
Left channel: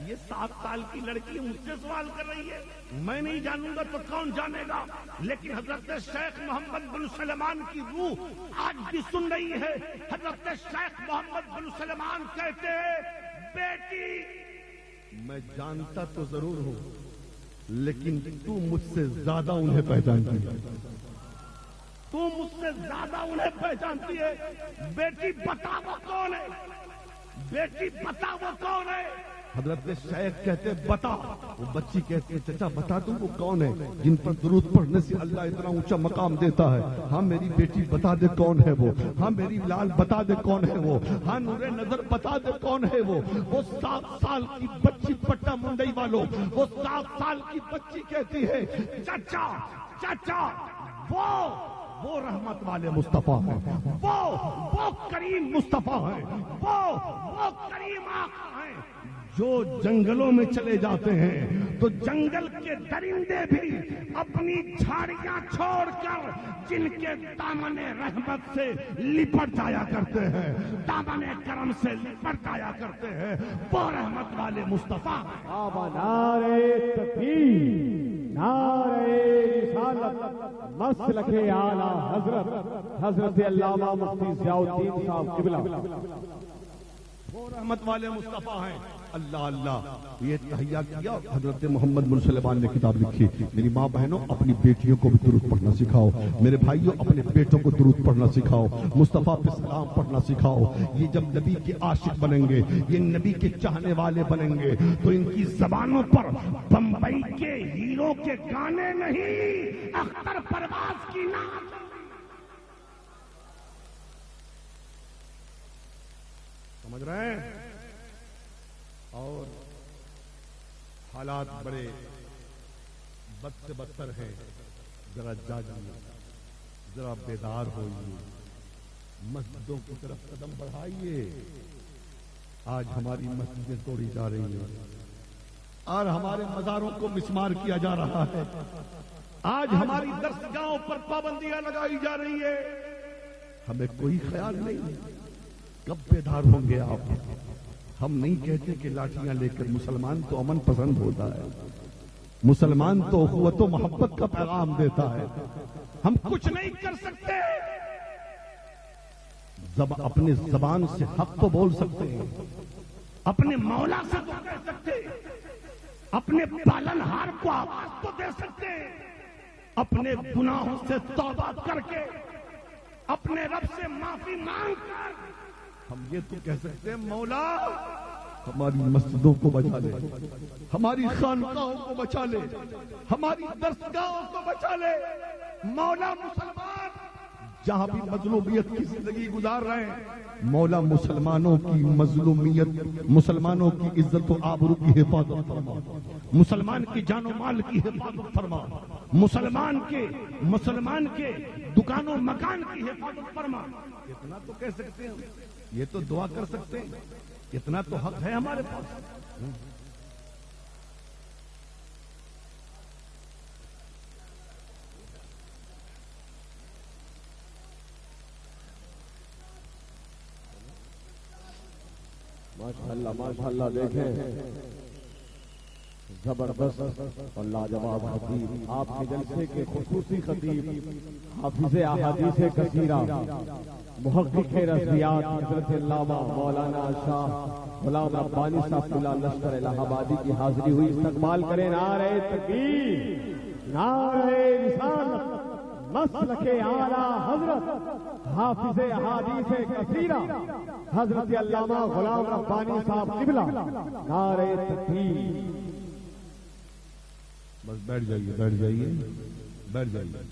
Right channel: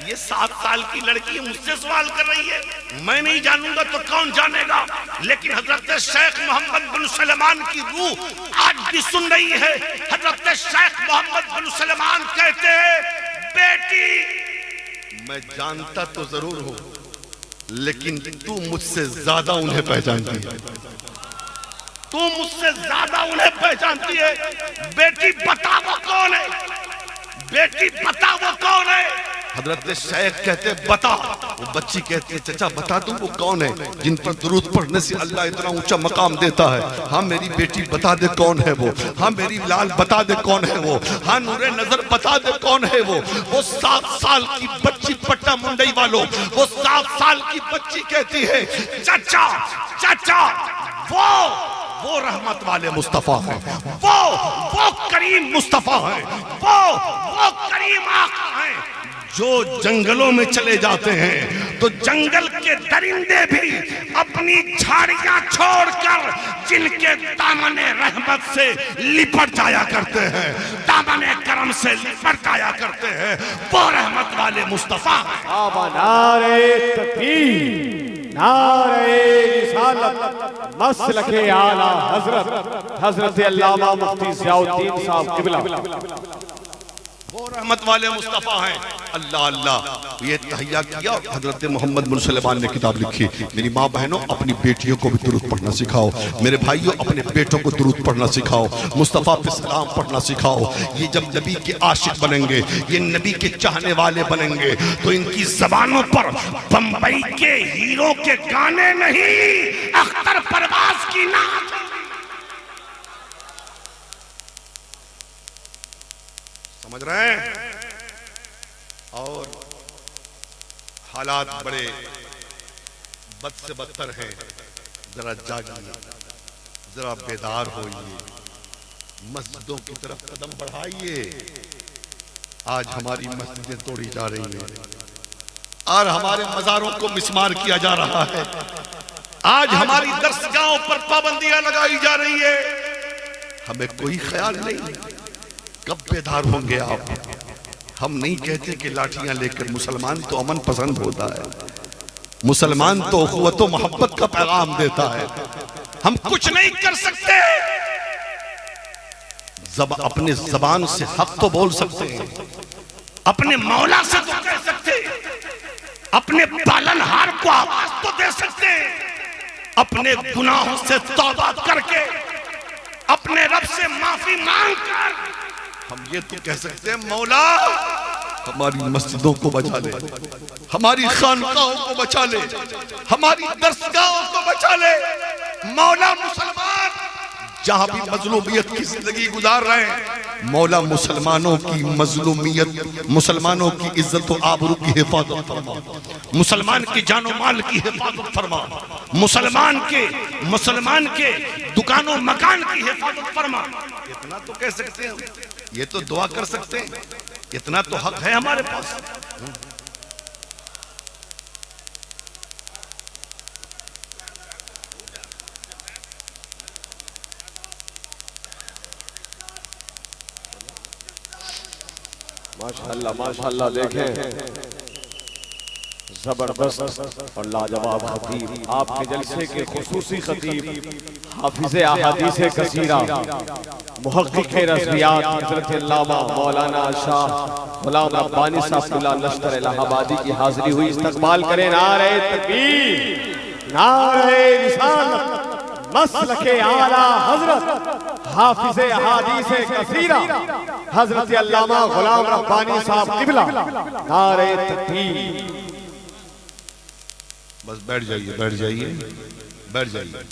ये 7 साल की लड़की मुझसे सवाल कर रही है, मैं नहीं जानूंगा तो कौन जानेगा। लेकिन हजरत शेख मोहम्मद बिन सलेमान की रूह आज भी सुन रही है। हजरत शेख मोहम्मद बिन सलेमान कहते हैं बेटी मैं जानता तो जरूर हूं लेकिन तू मुझसे ज्यादा उन्हें पहचानती है, तू मुझसे ज्यादा उन्हें पहचानती है। बेटी बता वो कौन है, बेटी बता वो कौन है। हजरत शेख कहते बता। वो बच्ची कहती है चचा बता दूं वो कौन है जिन पर दुरूद पढ़ने से अल्लाह इतना ऊंचा मकाम देता है? हाँ मेरी बेटी बता दे कौन है वो। हाँ मेरी लाल बता दे कौन है वो। हाँ नूरे नजर बता दे कौन है वो। वो 7 साल की बच्ची, पट्टा मुंडई वालों, वो 7 साल की बच्ची कहती है चाचा चाचा वो रहमत वाले मुस्तफा हैं, वो करीम मुस्तफा हैं, वो करीम आका हैं जो जंगलों में चले जाते हैं तो जंगल के दरिंदे भी अपनी झाड़ियां छोड़कर जिनके दामने रहमत से लिपट जाया करते हैं, दामने करम से लिपट जाया करते हैं, वो रहमत वाले मुस्तफा हैं। बाबा नारे तकबीर, नारे रिसालत, मसलके आला हजरत हजरत अल्लामा मुफ्ती ज़ियाउद्दीन साहब क़िबला, वो रहमत वाले मुस्तफ़ा हैं। अल्लाह अल्लाह ये तहैया किया। हजरत मोहम्मद बिन सलमान ने किताब लिखी। मेरी माँ बहनों, अपनी बेटियों को भी दुरूद पढ़ना सिखाओ। मेरे भाइयों, अपने बेटों को दुरूद पढ़ना सिखाओ। मुस्तफ़ा पे सलाम पढ़ना सिखाओ। ये जब नबी के आशिक बनेंगे, ये नबी के चाहने वाले बनेंगे, तो इनकी जबानों पर बम्बई के हीरो के गाने नहीं, अख्तर परवाज की नात। समझ रहे हैं? और हालात बड़े बद से बदतर हैं। जरा जागिए, जरा बेदार होइए, मस्जिदों की तरफ कदम बढ़ाइए। आज हमारी मस्जिदें तोड़ी जा रही हैं और हमारे मज़ारों को मिस्मार किया जा रहा है। आज हमारी दरसगाहों पर पाबंदियां लगाई जा रही है। हमें कोई ख्याल नहीं कब बेदार होंगे आप। हम नहीं कहते कि लाठियां लेकर, मुसलमान तो अमन पसंद होता है, मुसलमान तो उख़्वत व मोहब्बत का पैगाम देता है। हम कुछ नहीं कर सकते, अपने जबान से हक तो बोल सकते हैं, अपने मौला से तो कह सकते, अपने पालनहार को आवाज तो दे सकते, अपने गुनाहों से तौबा करके अपने रब से माफी मांगकर हम ये तो कह सकते हैं, मौला हमारी मस्जिदों को बचा ले, हमारी खानकाहों को बचा ले, हमारी दरसगाहों को बचा ले। मौला मुसलमान जहां भी मजलूमियत की जिंदगी गुजार रहे हैं, मौला मुसलमानों की मजलूमियत, मुसलमानों की इज्जत और आबरू की हिफाजत फरमा, मुसलमान की जानो माल की हिफाजत फरमा, मुसलमान के दुकानों मकान की हिफाजत फरमा। इतना तो कह सकते हैं, ये तो दुआ कर सकते हैं, इतना तो हक है हमारे पास। माशाअल्लाह माशाअल्लाह, देखें जबरदस्त और लाजवाब खतीब, आपके जलसे के खुसूसी खतीब, हाफिज़े अहादीस कसीरा, मुहक्किक़ रज़वियात हज़रत अल्लामा मौलाना शाह गुलाम रब्बानी साहब लश्कर इलाहाबादी की हाजिरी हुई। इस्तकबाल करें। नारे तकबीर, नारे रिसालत, मसलके आला हजरत हाफिज़े अहादीस कसीरा हज़रत अल्लामा गुलाम रब्बानी साहब क़िबला, नारे तकबीर। बस बैठ जाइए, बैठ जाइए, बैठ जाइए,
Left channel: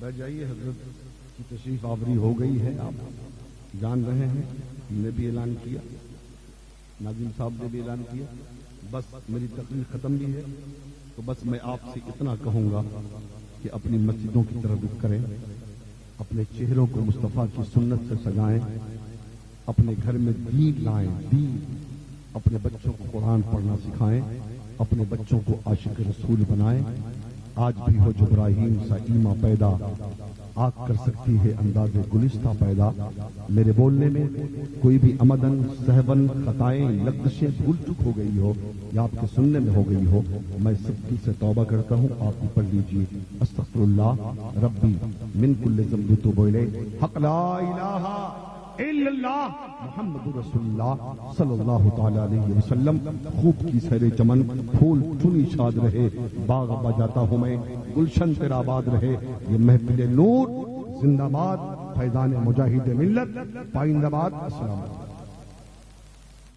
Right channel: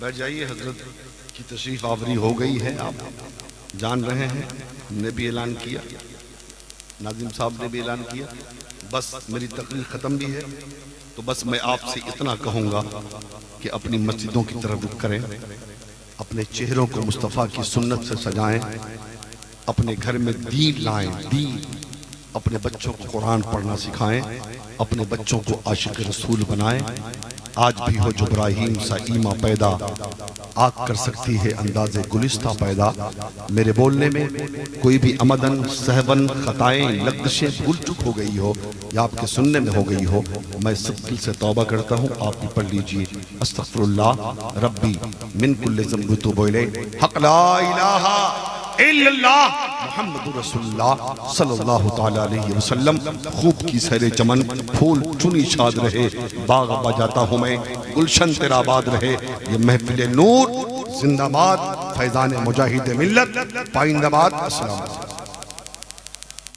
बैठ जाइए। हजरत की तशरीफ आवरी हो गई है, आप जान रहे हैं। हमने भी ऐलान किया, नाज़िम साहब ने भी ऐलान किया। बस मेरी तकरीर ख़त्म भी है, तो बस मैं आपसे इतना कहूँगा कि अपनी मस्जिदों की तरफ रुख करें, अपने चेहरों को मुस्तफ़ा की सुन्नत से सजाएं, अपने घर में दीन लाएं, दीन, अपने बच्चों को कुरान पढ़ना सिखाएं, अपने बच्चों को आशिक रसूल बनाएं। आज भी हो जुब्राहीम सा ईमा पैदा, आग कर सकती है अंदाज़े गुलिस्ता पैदा। मेरे बोलने में कोई भी अमदन सहवन खताएं लग़्ज़िशें भूल चुक हो गई हो या आपके सुनने में हो गई हो, मैं सब दिल से तौबा करता हूँ। आप भी पढ़ लीजिए, अस्तग़फ़िरुल्लाह रब्बी मिन कुल्लि ज़ंब तुब इलैहि हक़ ला इलाहा इल्लल्लाह मुहम्मदुर रसूलुल्लाह सल्लल्लाहु तआला अलैहि वसल्लम। खूब की सैरे चमन, फूल चुनी शाद रहे, बाग बजाता हूँ मैं, गुलशन तेरा आबाद रहे। ये महफिल नूर जिंदाबाद, फैज़ान मुजाहिद मिल्लत पाइंदाबाद। अस्सलाम।